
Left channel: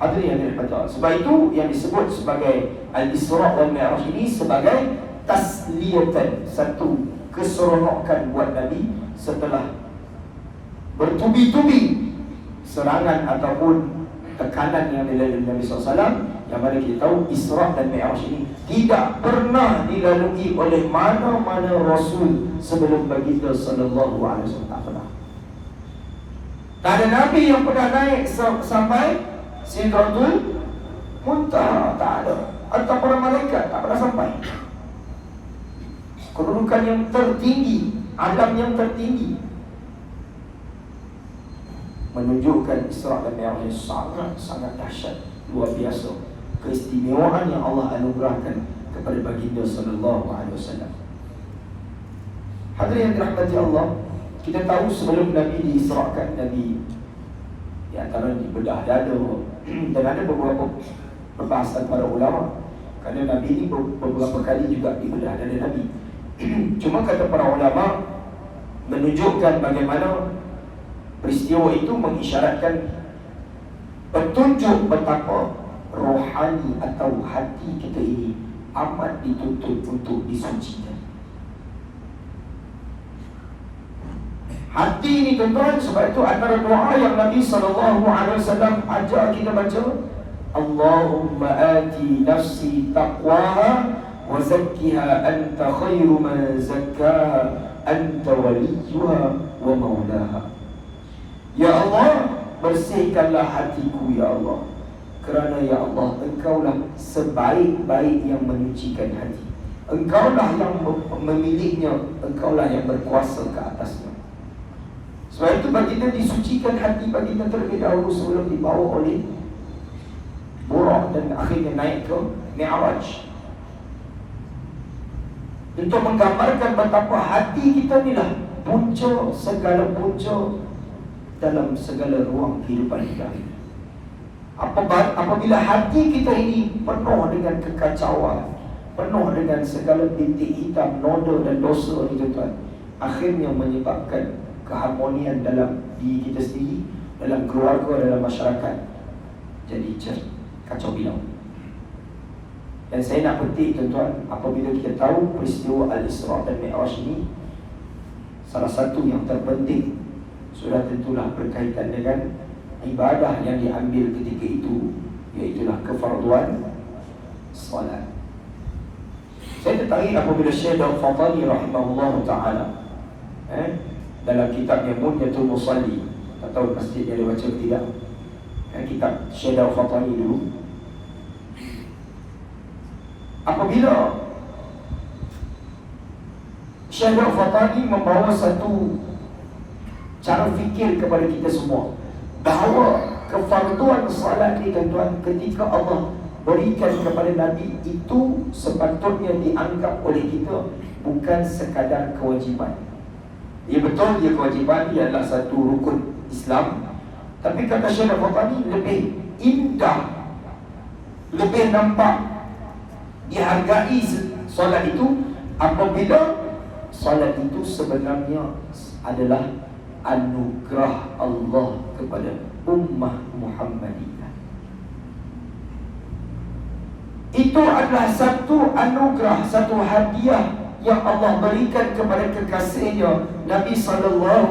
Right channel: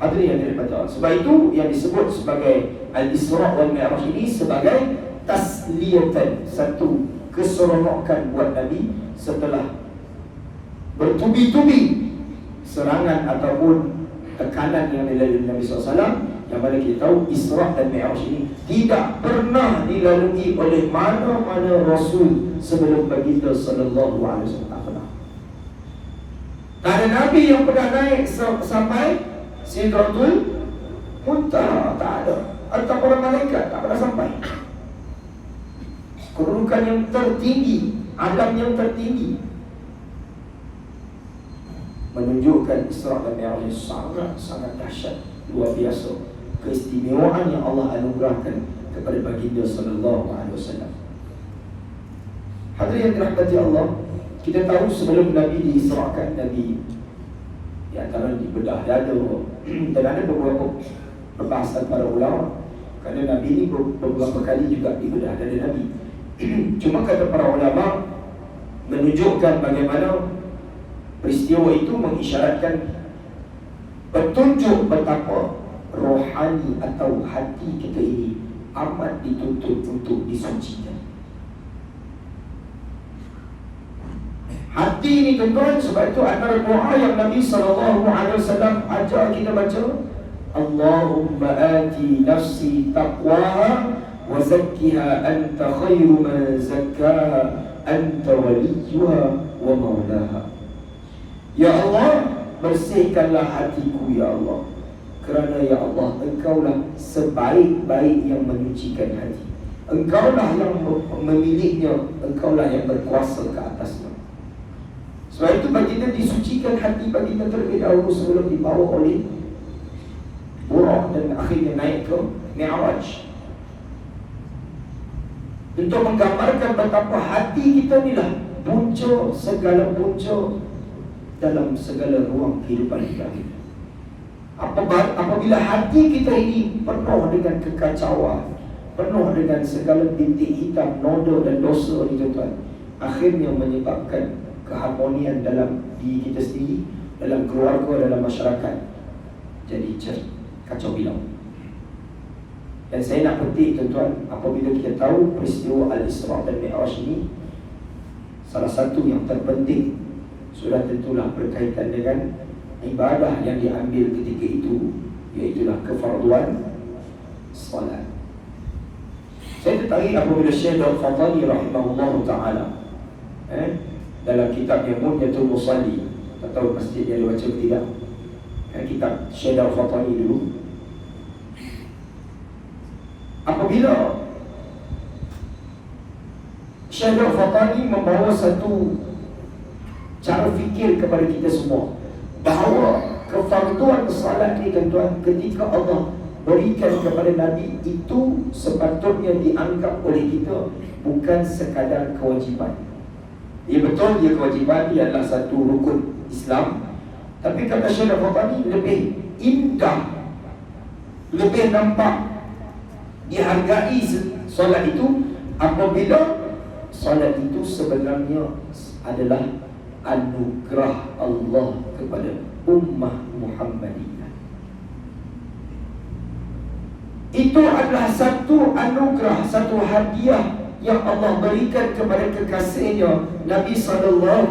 Hadirin yang dirahmati Allah. Sebab itu yang disebut sebagai Al-Isra' wal Mi'raj ini sebagai tasliyatan, satu keseronokan buat Nabi setelah bertubi-tubi serangan ataupun tekanan yang dilalui Nabi SAW, yang mana kita tahu Isra' dan Mi'raj ini tidak pernah dilalui oleh mana-mana Rasul sebelum baginda sallallahu alaihi wasallam. Tak pernah. Tak ada Nabi yang pernah naik sampai Sidratul Muntaha, tak ada. Atau para malaikat tak pernah sampai. Kedudukan yang tertinggi, alam yang tertinggi, menunjukkan Isra' dan Mi'raj yang sangat dahsyat, luar biasa keistimewaan yang Allah anugerahkan kepada baginda sallallahu alaihi wasallam. Hadirin yang dirahmati Allah, kita tahu sebelum Nabi diisrakan, Nabi di antara dibedah dada, dan ada beberapa perbahasan para ulama, kerana Nabi ini beberapa kali juga dibedah dada Nabi. Cuma kata para ulama, menunjukkan bagaimana peristiwa itu mengisyaratkan petunjuk betapa rohani atau hati kita ini amat dituntut untuk disucikan. Hati ini tuan-tuan, sebab itu antara doa yang Nabi SAW ajar kita baca, Allahumma ati nafsi taqwaha wa zakkiha anta khairu man zakkaha anta waliyuha wa maulaha. Ya Allah, bersihkanlah hatiku ya Allah, kerana ya Allah, Engkaulah sebaik-baik yang menyucikan hati. Engkaulah yang memilihnya, Engkaulah yang berkuasa ke atasnya. Sebab itu baginda disucikan hati baginda terlebih dahulu sebelum dibawa oleh Buraq dan akhirnya naik ke Mi'raj, untuk menggambarkan betapa hati kita ni lah punca segala punca dalam segala ruang kehidupan kita. Apabila hati kita ini penuh dengan kekacauan, penuh dengan segala bintik hitam, noda dan dosa ni tuan-tuan, akhirnya menyebabkan keharmonian dalam diri kita sendiri, dalam keluarga, dalam masyarakat jadi kacau bilau. Dan saya nak petik tuan-tuan, apabila kita tahu peristiwa Al-Isra' dan Mi'raj ini, salah satu yang terpenting sudah tentulah berkaitan dengan ibadah yang diambil ketika itu, iaitulah kefarduan salat. Saya tertarik apabila Syekh Al-Fatani rahimahullah ta'ala dalam kitabnya Munyatul Musalli, tak tahu masjid dia ada baca atau tidak, kitab Syekh Al-Fatani dulu, apabila Syekh Al-Fatani membawa satu cara fikir kepada kita semua, bahawa kefarduan salat ni tuan-tuan, ketika Allah berikan kepada Nabi, itu sepatutnya dianggap oleh kita bukan sekadar kewajiban. Ya betul, dia kewajiban, dia adalah satu rukun Islam, tapi kata Syekh Al-Fatani lebih indah, lebih nampak, dihargai solat itu apabila solat itu sebenarnya adalah anugerah Allah kepada ummah Muhammadiyah. Itu adalah satu anugerah, satu hadiah yang Allah berikan kepada kekasihnya Nabi SAW,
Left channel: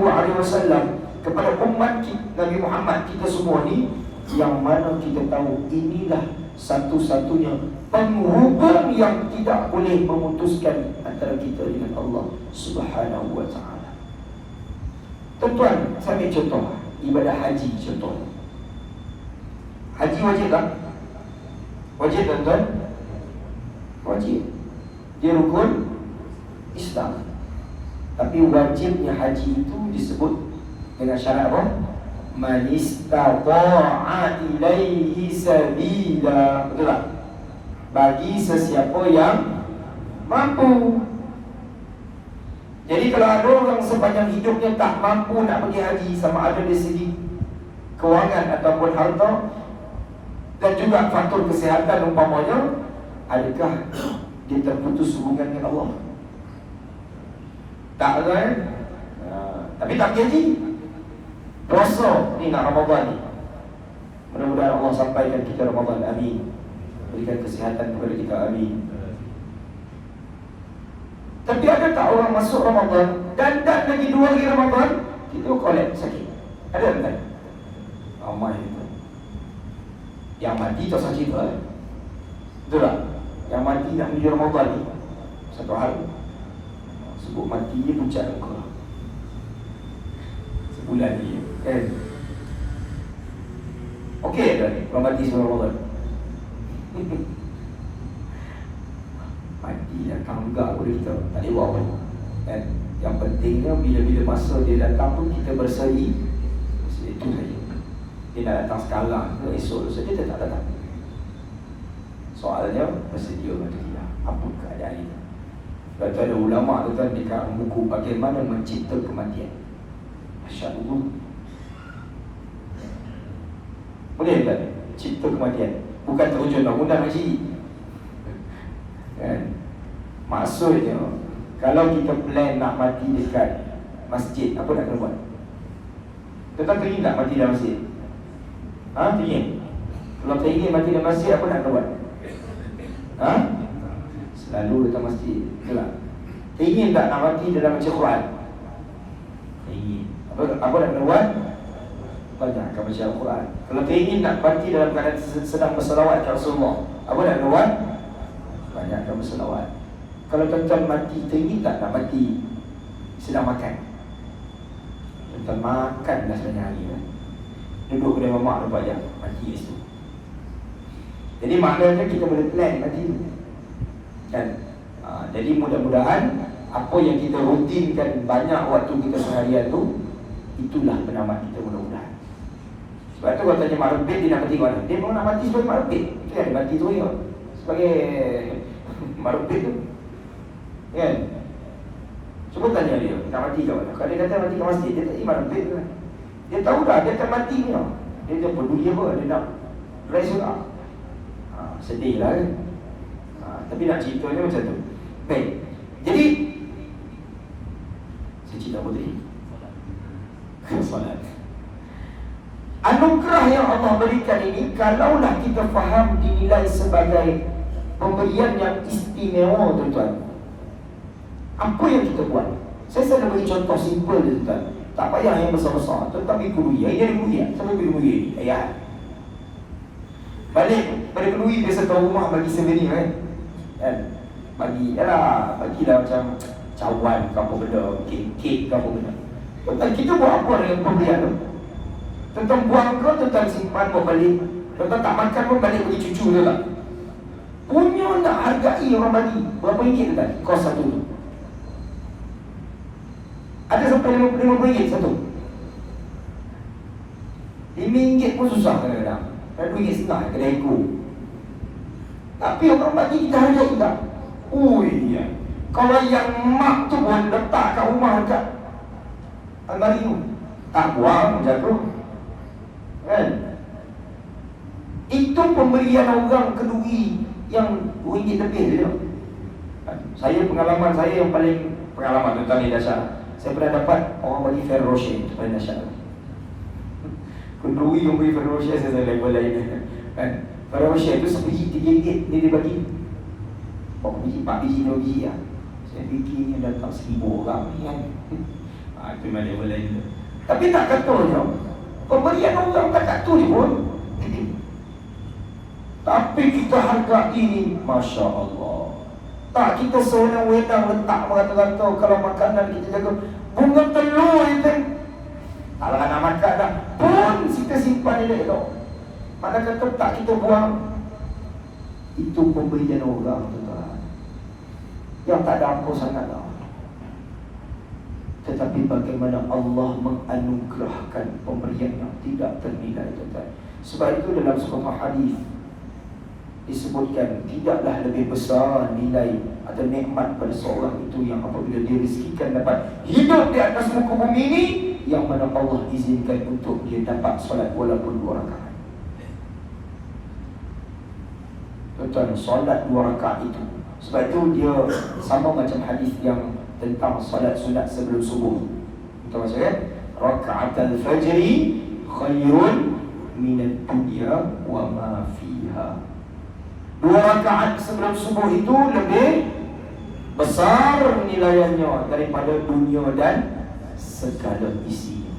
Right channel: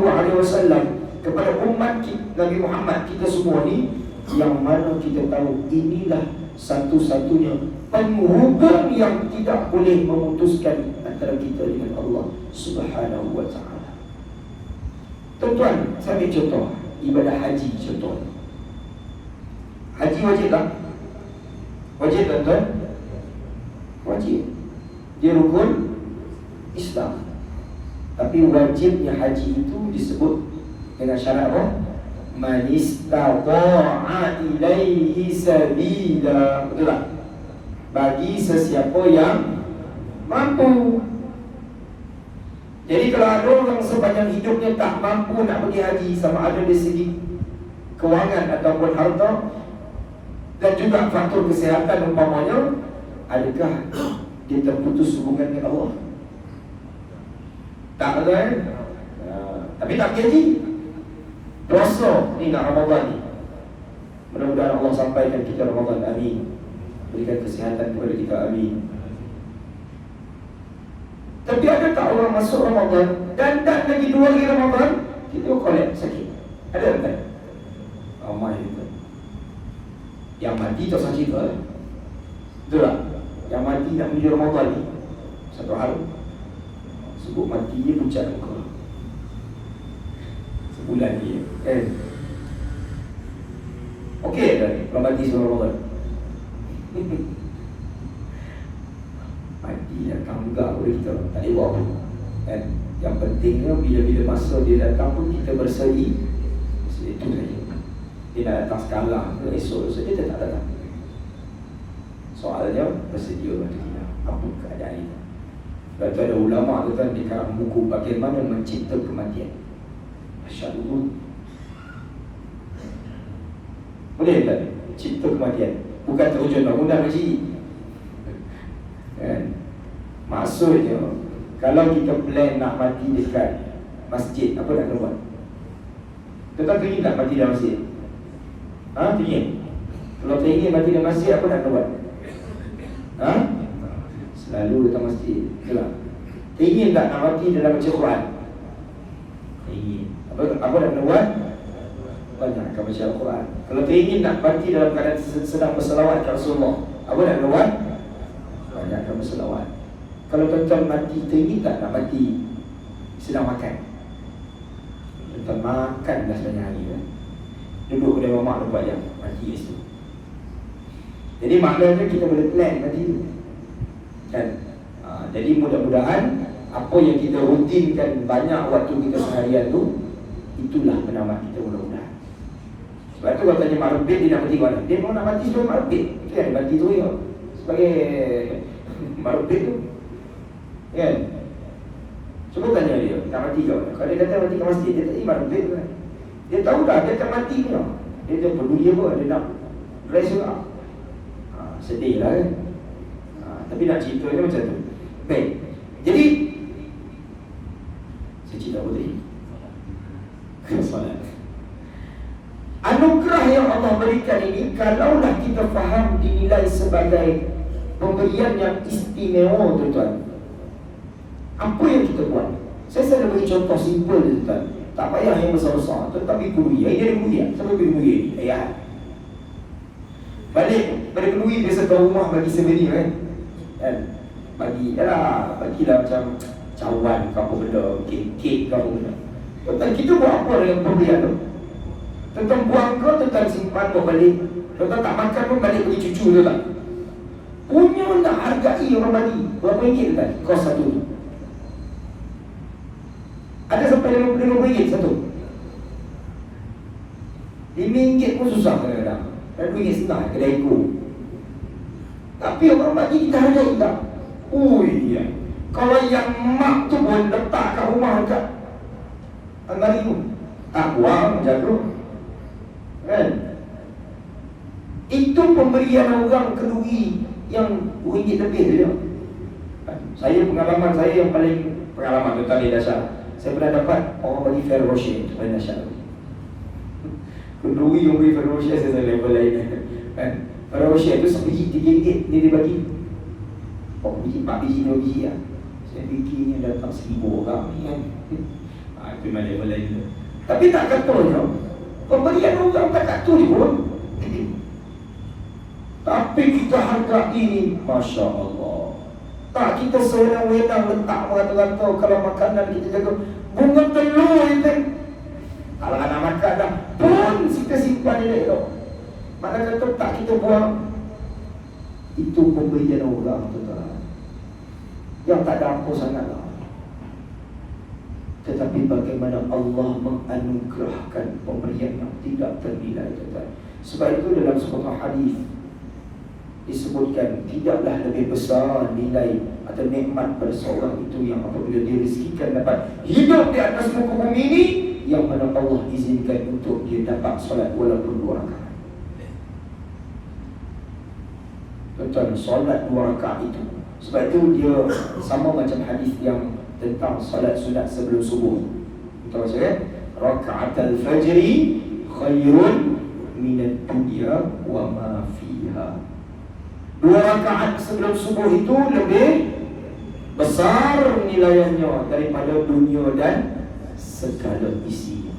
kepada umat Nabi Muhammad kita semua ni, yang mana kita tahu inilah satu-satunya penghubung yang tidak boleh memutuskan antara kita dengan Allah Subhanahu wa ta'ala. Tuan-tuan, saya ambil contoh ibadah haji. Contoh haji wajib tak? Wajib tuan-tuan? Wajib. Dia rukun Islam. Tapi wajibnya haji itu disebut dengan syarat apa? Man istata'a ilaihi sabila. Betul tak? Bagi sesiapa yang mampu. Jadi kalau ada orang sepanjang hidupnya tak mampu nak pergi haji, sama ada dari segi kewangan ataupun harta, dan juga faktor kesihatan umpamanya, adakah dia terputus hubungan dengan Allah? Tak betul kan? Tapi tak pergi haji. Puasa ni nak Ramadan ni, mudah-mudahan Allah sampaikan kita Ramadan, amin. Berikan kesihatan kepada kita, amin. Tapi ada tak orang masuk Ramadan dan tak lagi 2 hari Ramadan itu kolek sakit? Ada tak? Ramai itu. Yang mati tak sakit tu betul tak? Yang mati nak menuju Ramadan ni, satu hal sebut mati dia pucat muka sebulan ni kan? Okey tak kalau mati sebelum Ramadan? Mati datang juga boleh kita tak boleh buat apa kan? Yang pentingnya bila-bila masa dia datang pun kita berseri. Itu saja. Dia nak datang sekarang ke esok saja, dia tak datang. Soalnya bersedia mati. Apa keadaan itu? Lepas tu ada ulama tu kan di karang buku bagaimana mencipta kematian. Masya Allah. Boleh tak cipta kematian? Bukan terjun nak undang haji kan? Maksudnya kalau kita plan nak mati dekat masjid, apa nak kena buat? Kita teringin tak mati dalam masjid? Teringin? Kalau teringin mati dalam masjid, apa nak kena buat? Selalu datang masjid, betul tak? Teringin tak nak mati dalam baca Quran? Teringin. Apa nak kena buat? Banyak akan baca Al-Quran. Kalau teringin nak mati dalam keadaan sedang berselawat ke Rasulullah, apa nak kena buat? Banyak akan berselawat. Kalau tuan-tuan mati, teringin tak nak mati sedang makan? Tuan-tuan makan dah sepanjang hari kan? Duduk kedai mamak 24 jam, mati kat situ. Jadi maknanya kita boleh plan mati tu kan? Jadi mudah-mudahan apa yang kita rutinkan banyak waktu kita seharian tu, itulah penamat kita mudah-mudahan. Sebab tu kalau tanya mak lebih, dia nak mati mana? Dia pun nak mati sebagai mak lebih. Itu kan, mati tu ya, sebagai mak lebih tu kan? Cuba tanya dia, nak mati kat mana? Kalau dia kata mati kat masjid, dia tak mak lebih tu kan? Dia tahu dah, dia akan mati ni. Dia tak peduli apa, dia nak rest juga. Sedih lah kan? Tapi nak ceritanya macam tu. Baik, jadi saya cerita apa tadi? Solat. Anugerah yang Allah berikan ini, kalaulah kita faham, dinilai sebagai pemberian yang istimewa, tuan-tuan. Apa yang kita buat? Saya selalu beri contoh simple, tuan-tuan. Tak payah yang besar-besar, tetapi kuliah. Ini ada kuliah. Siapa pergi kuliah ni? Ayah. Balik pada kuliah, biasa tuan rumah bagi souvenir kan? Bagilah macam cawan ke apa benda, kek ke apa benda. Tuan-tuan, kita buat apa dengan pemberian tu? Tuan-tuan buang ke, tuan-tuan simpan buat balik. Tuan-tuan tak makan pun balik bagi cucu tu tak? Punya nak hargai orang bagi. Berapa ringgit tuan-tuan? Kos satu tu. Ada sampai RM50 satu. RM5 pun susah kadang-kadang. RM2.5 kedai ku. Tapi orang bagi kita hargai tak? Ya. Kalau yang mak tu pun letak kat rumah dekat almari tu, tak buang, jaga kan? Itu pemberian orang kedui yang RM2 lebih je. Saya, pengalaman saya yang paling pengalaman tentang ni dahsyat. Saya pernah dapat orang bagi Ferrero Rocher, itu paling dahsyat. Kedui yang beri Ferrero Rocher, saya level lain kan? Ferrero Rocher tu sebiji RM3 ni dia bagi. Biji, 4 biji, 2 biji lah. Saya fikir datang 1,000 orang ni kan. Itu memang level lain. Tapi tak kata je, pemberian orang tak kata ni pun. Tapi kita hargai, Masya Allah. Tak, kita sewenang-wenang letak rata-rata. Kalau makanan kita jaga, bunga telur itu, kalau nak makan dah pun kita simpan elok tu. Mana kata tak kita buang. Itu pemberian orang tu, yang tak ada apa sangat lah. Tetapi bagaimana Allah menganugerahkan pemberian yang tidak ternilai, tuan-tuan. Sebab itu dalam sebuah hadis disebutkan, tidaklah lebih besar nilai atau nikmat pada seorang itu yang apabila dia rezekikan dapat hidup di atas muka bumi ini, yang mana Allah izinkan untuk dia dapat solat walaupun 2 rakaat. Tuan-tuan, solat 2 rakaat itu, sebab itu dia sama macam hadis yang tentang solat sunat sebelum subuh. Kita baca kan? Raka'atul fajri khairun minad dunya wa ma fiha. 2 rakaat sebelum subuh itu lebih besar nilainya daripada dunia dan segala isi.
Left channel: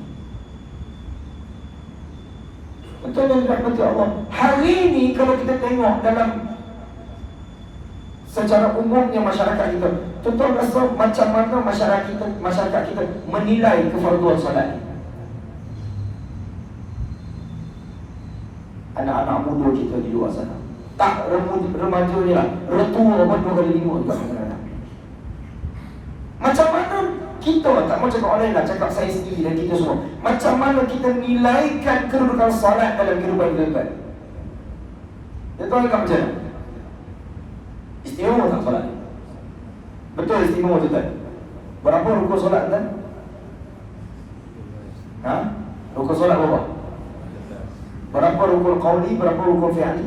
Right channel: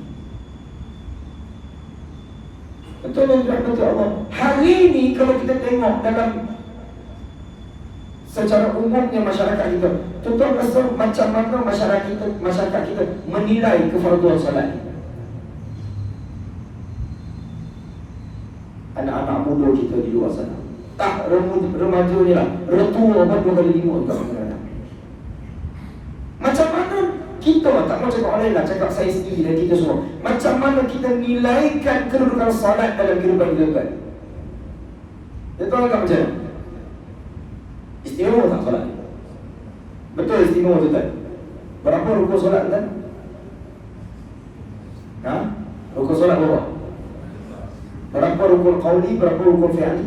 Betul yang dirahmati Allah. Hari ini kalau kita tengok dalam secara umumnya masyarakat kita, tuan-tuan rasa macam mana masyarakat kita menilai kefarduan solat ni? Anak-anak muda kita di luar sana, tak remaja ni lah, retua pun 2 kali 5 juga kadang-kadang. Macam mana kita, tak mau cakap orang lain lah, cakap saya sendiri dan kita semua, macam mana kita nilaikan kedudukan solat dalam kehidupan kita? Dia tahu tak macam mana? Istimewa tak solat ni? Betul istimewa tu tak? Berapa rukun solat tu? Rukun solat berapa? Berapa rukun qauli, berapa rukun fi'ali?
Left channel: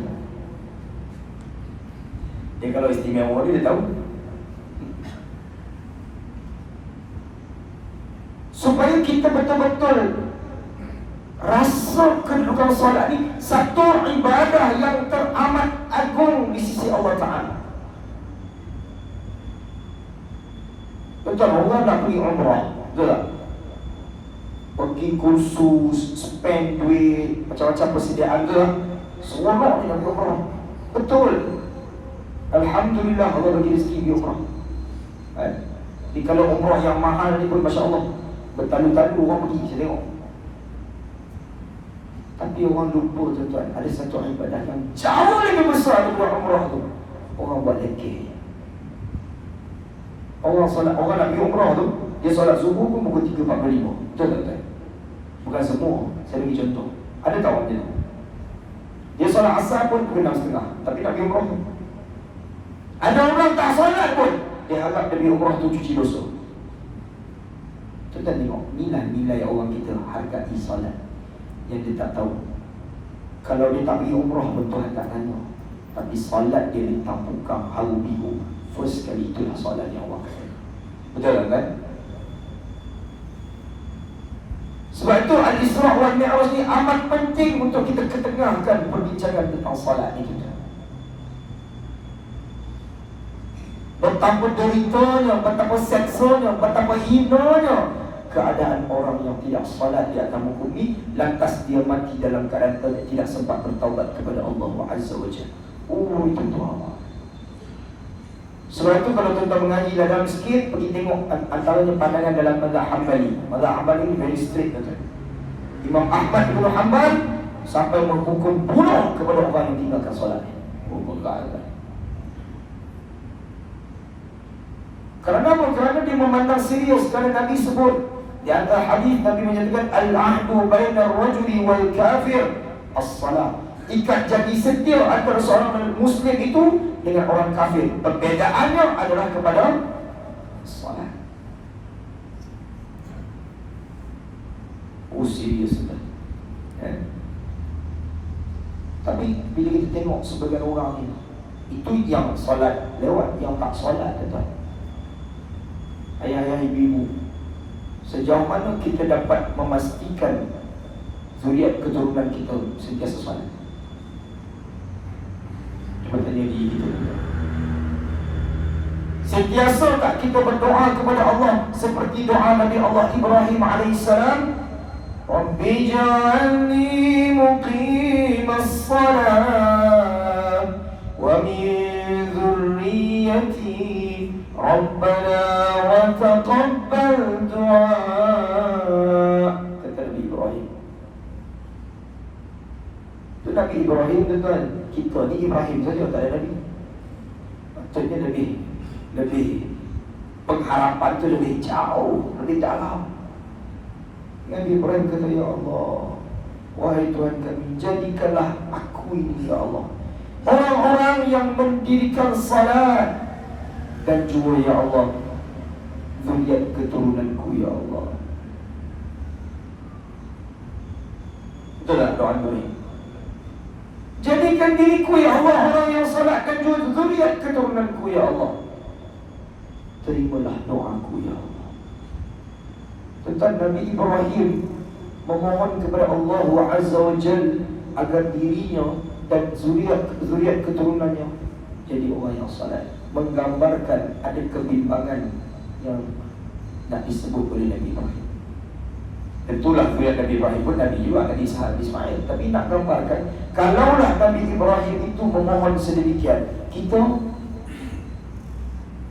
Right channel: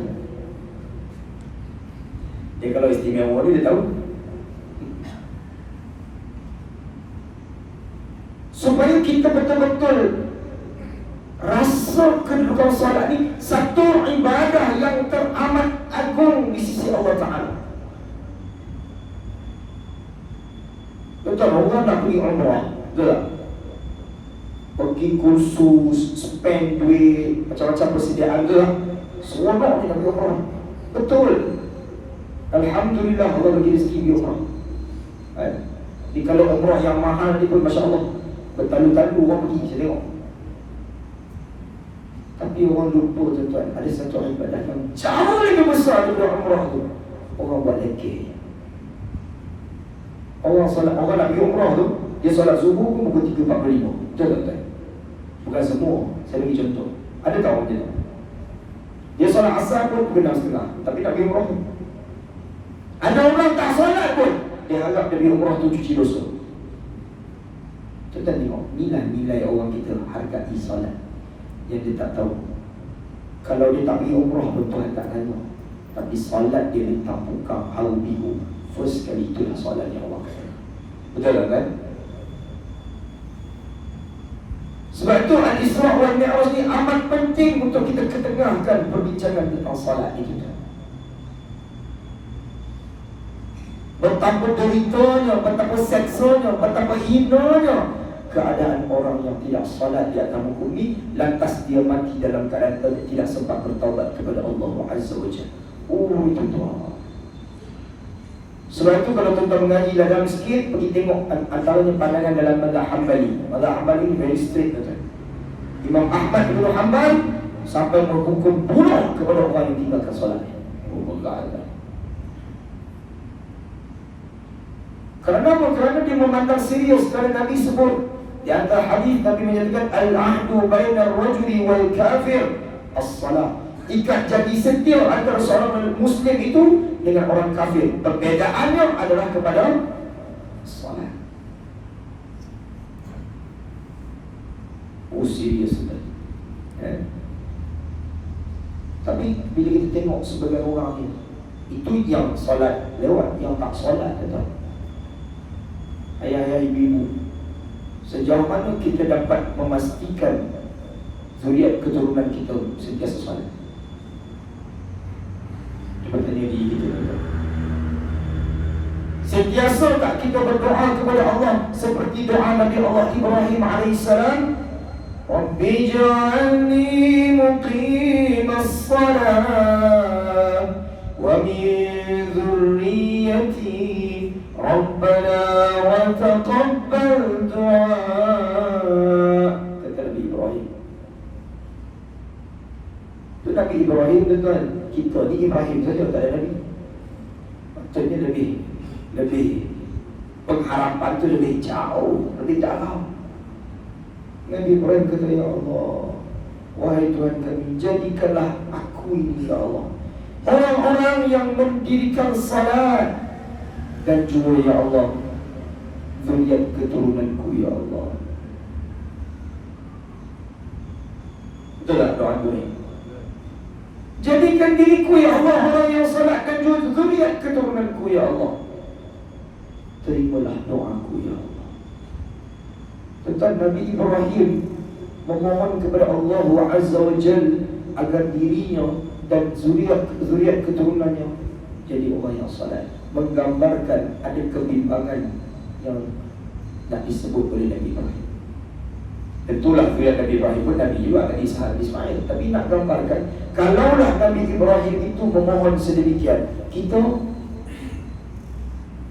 Dia kalau istimewa ni dia tahu. Supaya kita betul-betul rasa kedudukan solat ni satu ibadah yang teramat agung di sisi Allah Ta'ala. Betul, orang nak pergi umrah, betul tak? Pergi kursus, spend duit, macam-macam persediaan tu lah. Semua orang nak pergi umrah. Betul. Alhamdulillah Allah bagi rezeki pergi umrah. Jadi kalau umrah yang mahal ni pun Masya Allah, bertalu-talu orang pergi, saya tengok. Tapi orang lupa tuan-tuan, ada satu ibadah yang jauh lebih besar daripada umrah tu. Orang buat lekeh. Orang nak pergi umrah tu, dia solat subuh pun pukul 3.45. Betul tak? Bukan semua. Saya bagi contoh. Ada tak orang dia tu? Dia solat asar pun pukul 6.30. Tapi nak pergi umrah tu. Ada orang tak solat pun, dia anggap dia pergi umrah tu cuci dosa. Tuan-tuan tengok, nilai-nilai orang kita hargai solat yang dia tak tahu. Kalau dia tak pergi umrah pun Tuhan tak tanya. Tapi solat dia ditampukkan haru biru. First kali itulah solat yang Allah kata. Betul tak kan? Sebab itu Al-Isra' wal Mi'raj ni amat penting untuk kita ketengahkan perbincangan tentang solat itu. Betapa deritanya, betapa seksanya, betapa hinanya keadaan orang yang tidak salat di atas muka bumi, lantas dia mati dalam keadaan tidak sempat bertaubat kepada Allah Azza wa Jalla. Itu Tuhan. Sebab itu kalau tuan-tuan mengaji dalam sikit, pergi tengok antaranya pandangan dalam mazhab Hambali. Mazhab Hambali ni very strict tuan-tuan. Imam Ahmad bin Hanbal sampai menghukum bunuh kepada orang yang tinggalkan solat. Kerana apa? Kerana dia memandang serius. Kerana Nabi sebut di antara hadis, Nabi menyatakan al-ahdu baina ar-rajuli wal kafir as-salah. Ikat jadi setia antara seorang Muslim itu dengan orang kafir. Perbezaannya adalah kepada salat. Serius kan? Tapi bila kita tengok sebagian orang ni, itu yang salat lewat, yang tak salat tuan. Ayah-ayah, ibu-ibu, sejauh mana kita dapat memastikan zuriat keturunan kita sentiasa salat? Cuba tanya diri kita. Sentiasa tak kita berdoa kepada Allah seperti doa Nabi Allah Ibrahim AS? Rabbi ja'alni muqimas salat wa min dhurriyyati Rabbana wa taqabbal du'a. Kata Nabi Ibrahim. Itu Nabi Ibrahim tuan-tuan. Kita ni Ibrahim saja, tak ada Nabi. Maksudnya lebih pengharapan tu lebih jauh, lebih dalam. Nabi Ibrahim kata, ya Allah, wahai Tuhan kami, jadikanlah aku ini ya Allah orang-orang yang mendirikan salat, dan juga ya Allah zuriat keturunanku ya Allah. Betul tak doa ini? Jadikan diriku ya Allah orang yang salat, dan juga zuriat keturunanku ya Allah. Terimalah doaku ya Allah. Tentang Nabi Ibrahim memohon kepada Allah Azza wa Jalla agar dirinya dan zuriat keturunannya jadi orang yang salat, menggambarkan ada kebimbangan yang nak disebut oleh Nabi Ibrahim. Tentulah zuriat Nabi Ibrahim pun Nabi juga, Nabi Ishaq, Ismail. Tapi nak gambarkan, kalaulah Nabi Ibrahim itu memohon sedemikian, kita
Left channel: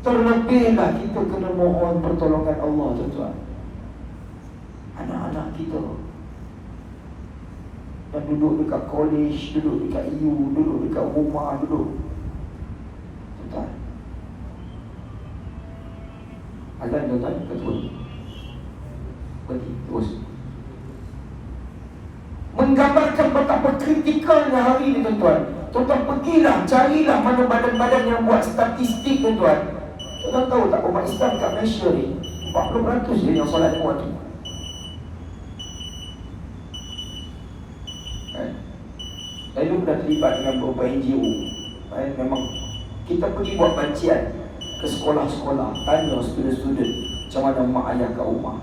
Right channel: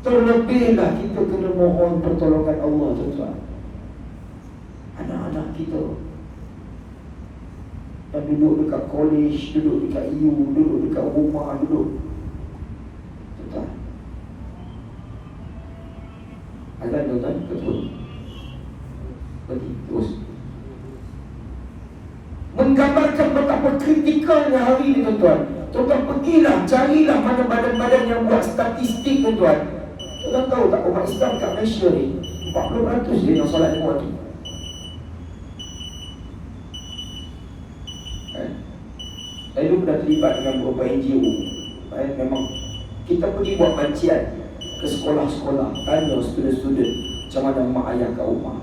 terlebihlah kita kena mohon pertolongan Allah tuan-tuan. Anak-anak kita yang duduk dekat college, duduk dekat EU, duduk dekat rumah, duduk tuan-tuan. Azan tuan-tuan, betul. Pergi, terus. Menggambarkan betapa kritikalnya hari ini tuan-tuan. Tuan-tuan pergilah, carilah mana badan-badan yang buat statistik tuan-tuan. Tuan-tuan tahu tak, umat Islam kat Malaysia ni 40% dia yang solat lima waktu. Saya dulu dah terlibat dengan beberapa NGO. Memang kita pergi buat bancian ke sekolah-sekolah, tanya student-student macam mana mak ayah kat rumah.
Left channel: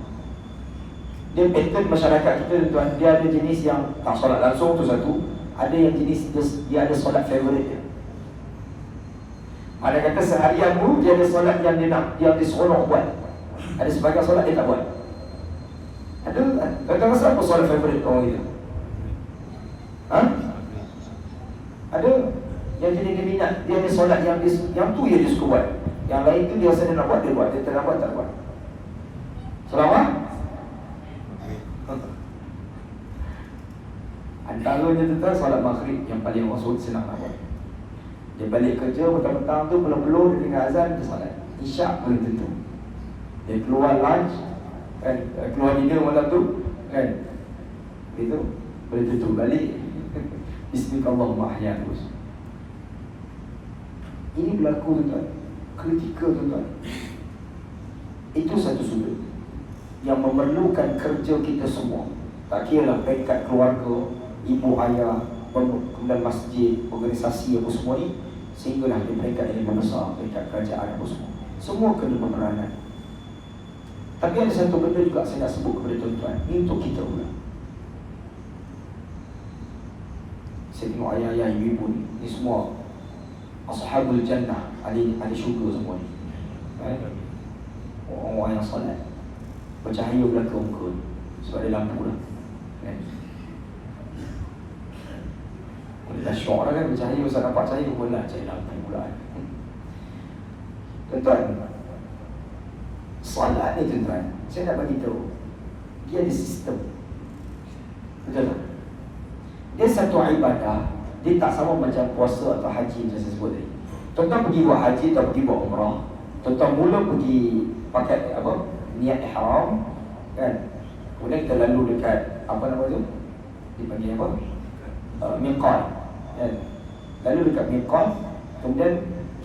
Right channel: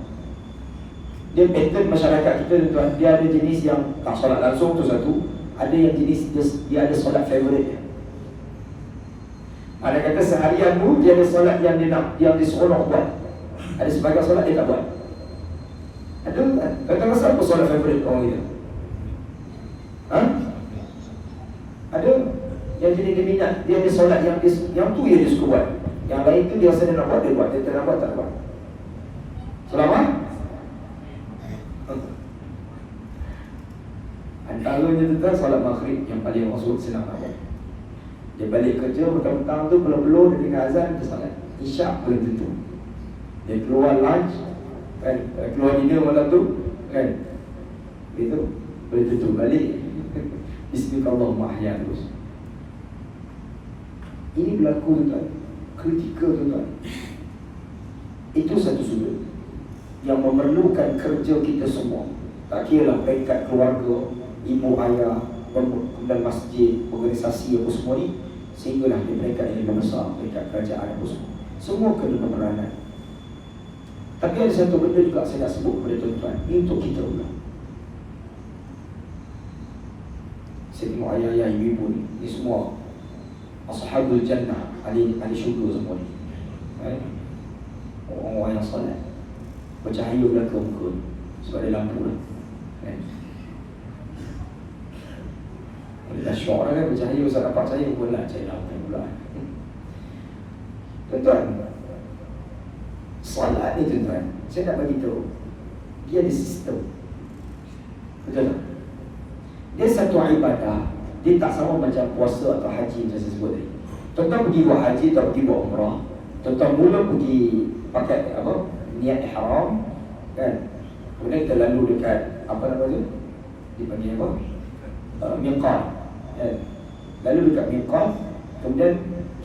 Dia pattern masyarakat kita tuan, dia ada jenis yang tak solat langsung tu satu, ada yang jenis dia ada solat favourite dia. Mana kata seharian tu dia ada solat yang dia nak, yang dia seronok buat. Ada sebagian solat dia tak buat. Ada kan? Kata masa apa solat favourite orang kita? Ada yang jenis dia minat, dia ada solat yang tu dia suka buat. Yang lain tu dia rasa dia nak buat, dia buat. Dia tak nak buat, tak buat. Selama Antaranya tuan solat maghrib yang paling maksud senang apa? Dia balik kerja petang-petang tu belum-belum dia dengar azan dia solat. Isyak belum tentu. Dia keluar lunch kan, keluar dinner malam tu kan. Itu boleh tentu balik. Bismillahirrahmanirrahim terus. Ini berlaku tuan. Kritikal tuan. Itu satu sudut yang memerlukan kerja kita semua. Tak kira lah peringkat keluarga, ibu ayah, kemudian masjid, organisasi apa semua ni, sehinggalah di peringkat yang lebih besar, peringkat kerajaan apa semua. Semua kena berperanan. Tapi ada satu benda juga saya nak sebut kepada tuan-tuan. Ini untuk kita pula. Saya tengok ayah-ayah, ibu-ibu ni semua Ashabul Jannah, ahli syurga semua ni. Orang-orang yang salat, bercahaya belakang muka ni, sebab ada lampu lah. Dah syok lah kan, bercahaya, usah nampak cahaya pun lah, cahaya lampu pula. Tuan-tuan, salat ni tuan-tuan, saya nak bagi tahu, dia ada sistem. Betul tak? Dia satu ibadah, dia tak sama macam puasa atau haji macam saya sebut tadi. Tuan-tuan pergi buat haji atau pergi buat umrah, tuan-tuan mula pergi pakai apa? Niat ihram kan. Kemudian kita lalu dekat apa nama tu? Dipanggil apa? Miqat. Kan? Lalu dekat miqat, kemudian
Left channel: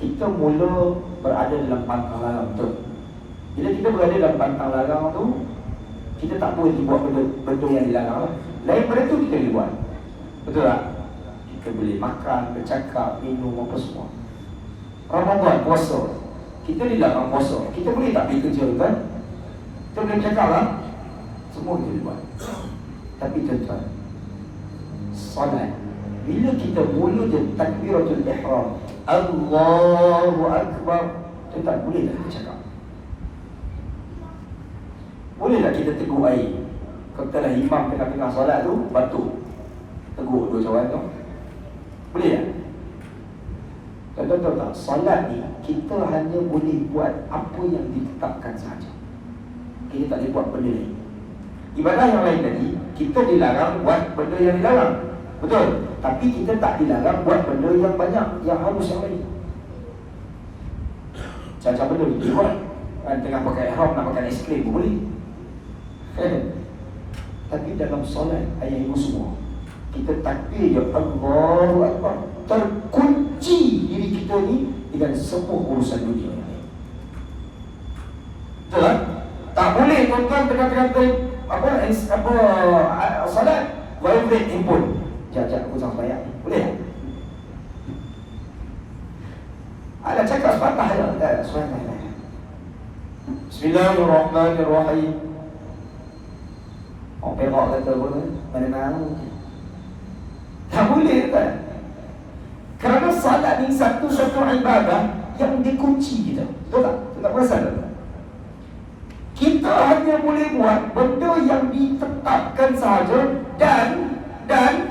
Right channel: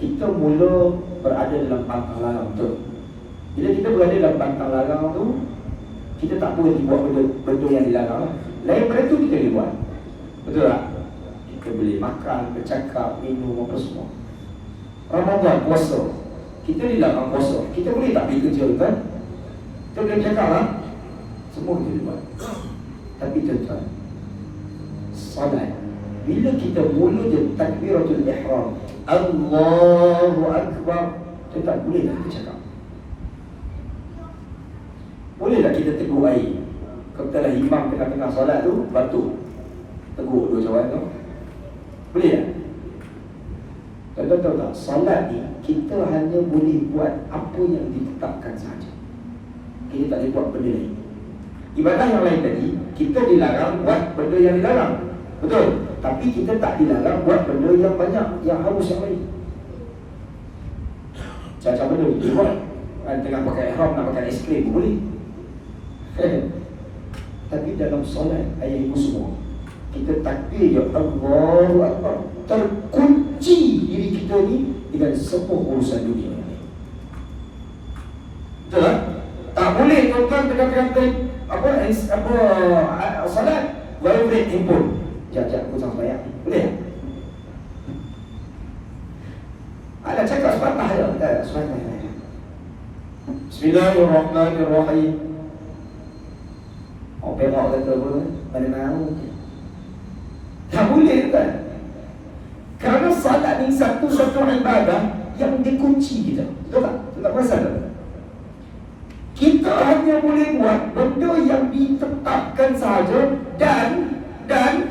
kita mula berada dalam pantang larang tu. Bila kita berada dalam pantang larang tu, kita tak boleh buat benda yang dilarang. Lain pada tu kita boleh buat. Betul tak? Kita boleh makan, bercakap, minum apa semua. Ramadan, puasa, kita dilarang puasa. Kita boleh tak pergi kerja kan? Kita boleh cakap lah. Semua kita boleh buat. Tapi tuan-tuan, salat, bila kita mula je takbiratul ihram, Allahu Akbar, tuan-tuan boleh tak kita cakap? Boleh tak kita tegur air? Katalah imam tengah-tengah solat tu batuk, tegur dua cawan tu, boleh tak? Tuan-tuan tahu tak, solat ni kita hanya boleh buat apa yang ditetapkan sahaja. Kita tak boleh buat benda lain. Ibadah yang lain tadi, kita dilarang buat benda yang dilarang, betul? Tapi kita tak dilarang buat benda yang banyak, yang harus yang lain. Macam benda kita buat kan, tengah pakai ihram nak makan es krim pun boleh. Tapi dalam solat, ayah ibu semua, kita takbir ya Allahu Akbar, terkunci diri kita ni dengan semua urusan dunia ini. Betul tak? Tak boleh tuan-tuan tengah-tengah salat vibrate handphone. Jap-jap aku sama sembahyang. Boleh tak? Ada cakap sepatah je tak? Sepatah. Bismillahirrahmanirrahim. Orang Perak kata apa? Mana-mana mungkin. Tak boleh kan? Kerana salat ni satu ibadah yang dikunci kita. Betul tak? Betul tak perasan tak? Kita hanya boleh buat benda yang ditetapkan sahaja, dan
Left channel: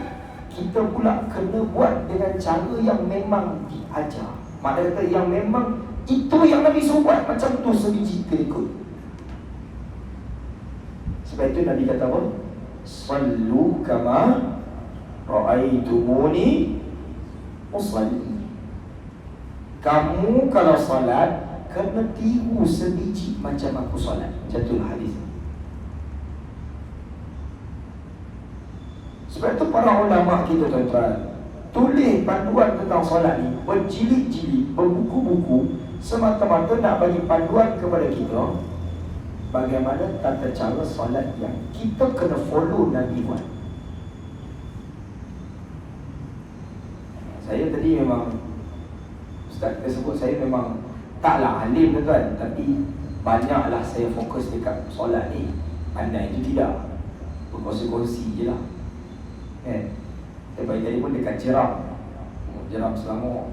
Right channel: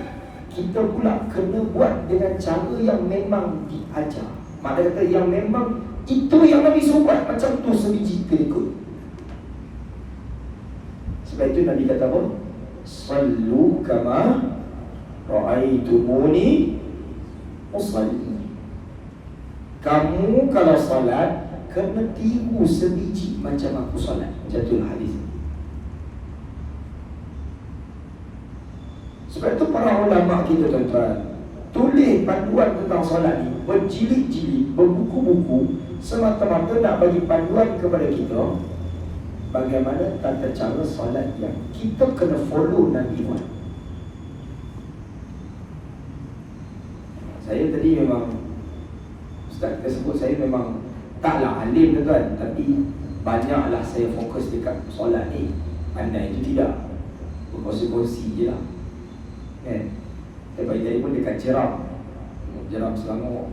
kita pula kena buat dengan cara yang memang diajar. Maknanya kata yang memang itu yang Nabi suruh buat, macam tu sebiji kita ikut. Sebab itu Nabi kata apa? Sallu kama ra'aitumuni usalli. Kamu kalau salat kena tiru sebiji macam aku salat. Macam itulah hadis. Sebab itu para ulama kita tuan-tuan tulis panduan tentang solat ni berjilid-jilid, berbuku-buku, semata-mata nak bagi panduan kepada kita bagaimana tata cara solat yang kita kena follow Nabi buat. Saya tadi memang Ustaz tersebut, saya memang taklah alim tuan-tuan, tapi banyaklah saya fokus dekat solat ni. Pandai itu tidak, berkongsi-kongsi je lah. Saya bagi tadi pun dekat Jeram Selangor.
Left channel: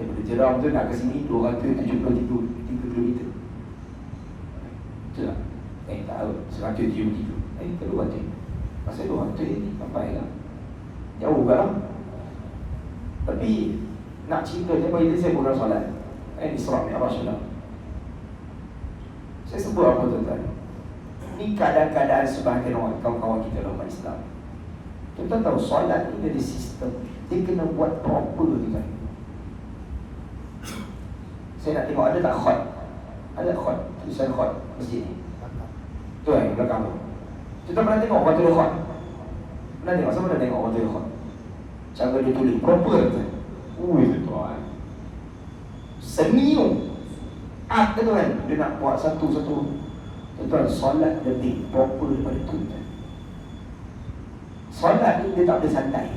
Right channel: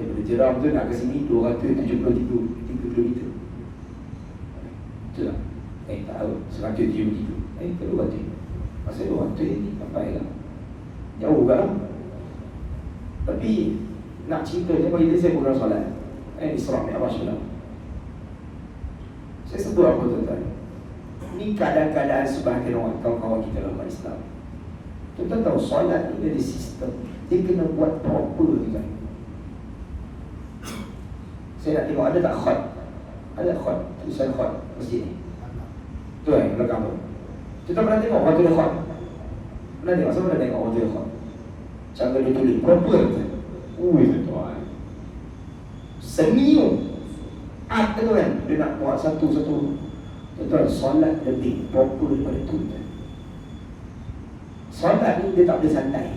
Daripada Jeram tu nak ke sini 273 km. Betul tak? Tak tahu 173. Kedua batu. Pasal 2 batu ni sampai lah, jauh kan. Tapi nak cerita je bagi saya bukan solat. Isra Mi'raj lah. Saya sebut apa tuan-tuan? Ini keadaan-keadaan sebahagian orang kawan-kawan kita dalam Islam. Kita tahu solat ni ada sistem. Dia kena buat proper kan. Saya nak tengok ada tak khot? Ada khot, tulisan khot masjid ni. Tu yang belakang tu. Kita pernah tengok waktu dia khot. Pernah tengok, sama ada tengok waktu dia khot. Cara dia tulis proper kan. Ui tuan. Seni tu. Art tu kan. Dia nak buat satu-satu. Tuan, solat lebih proper daripada tu kan. Solat ni dia tak boleh santai.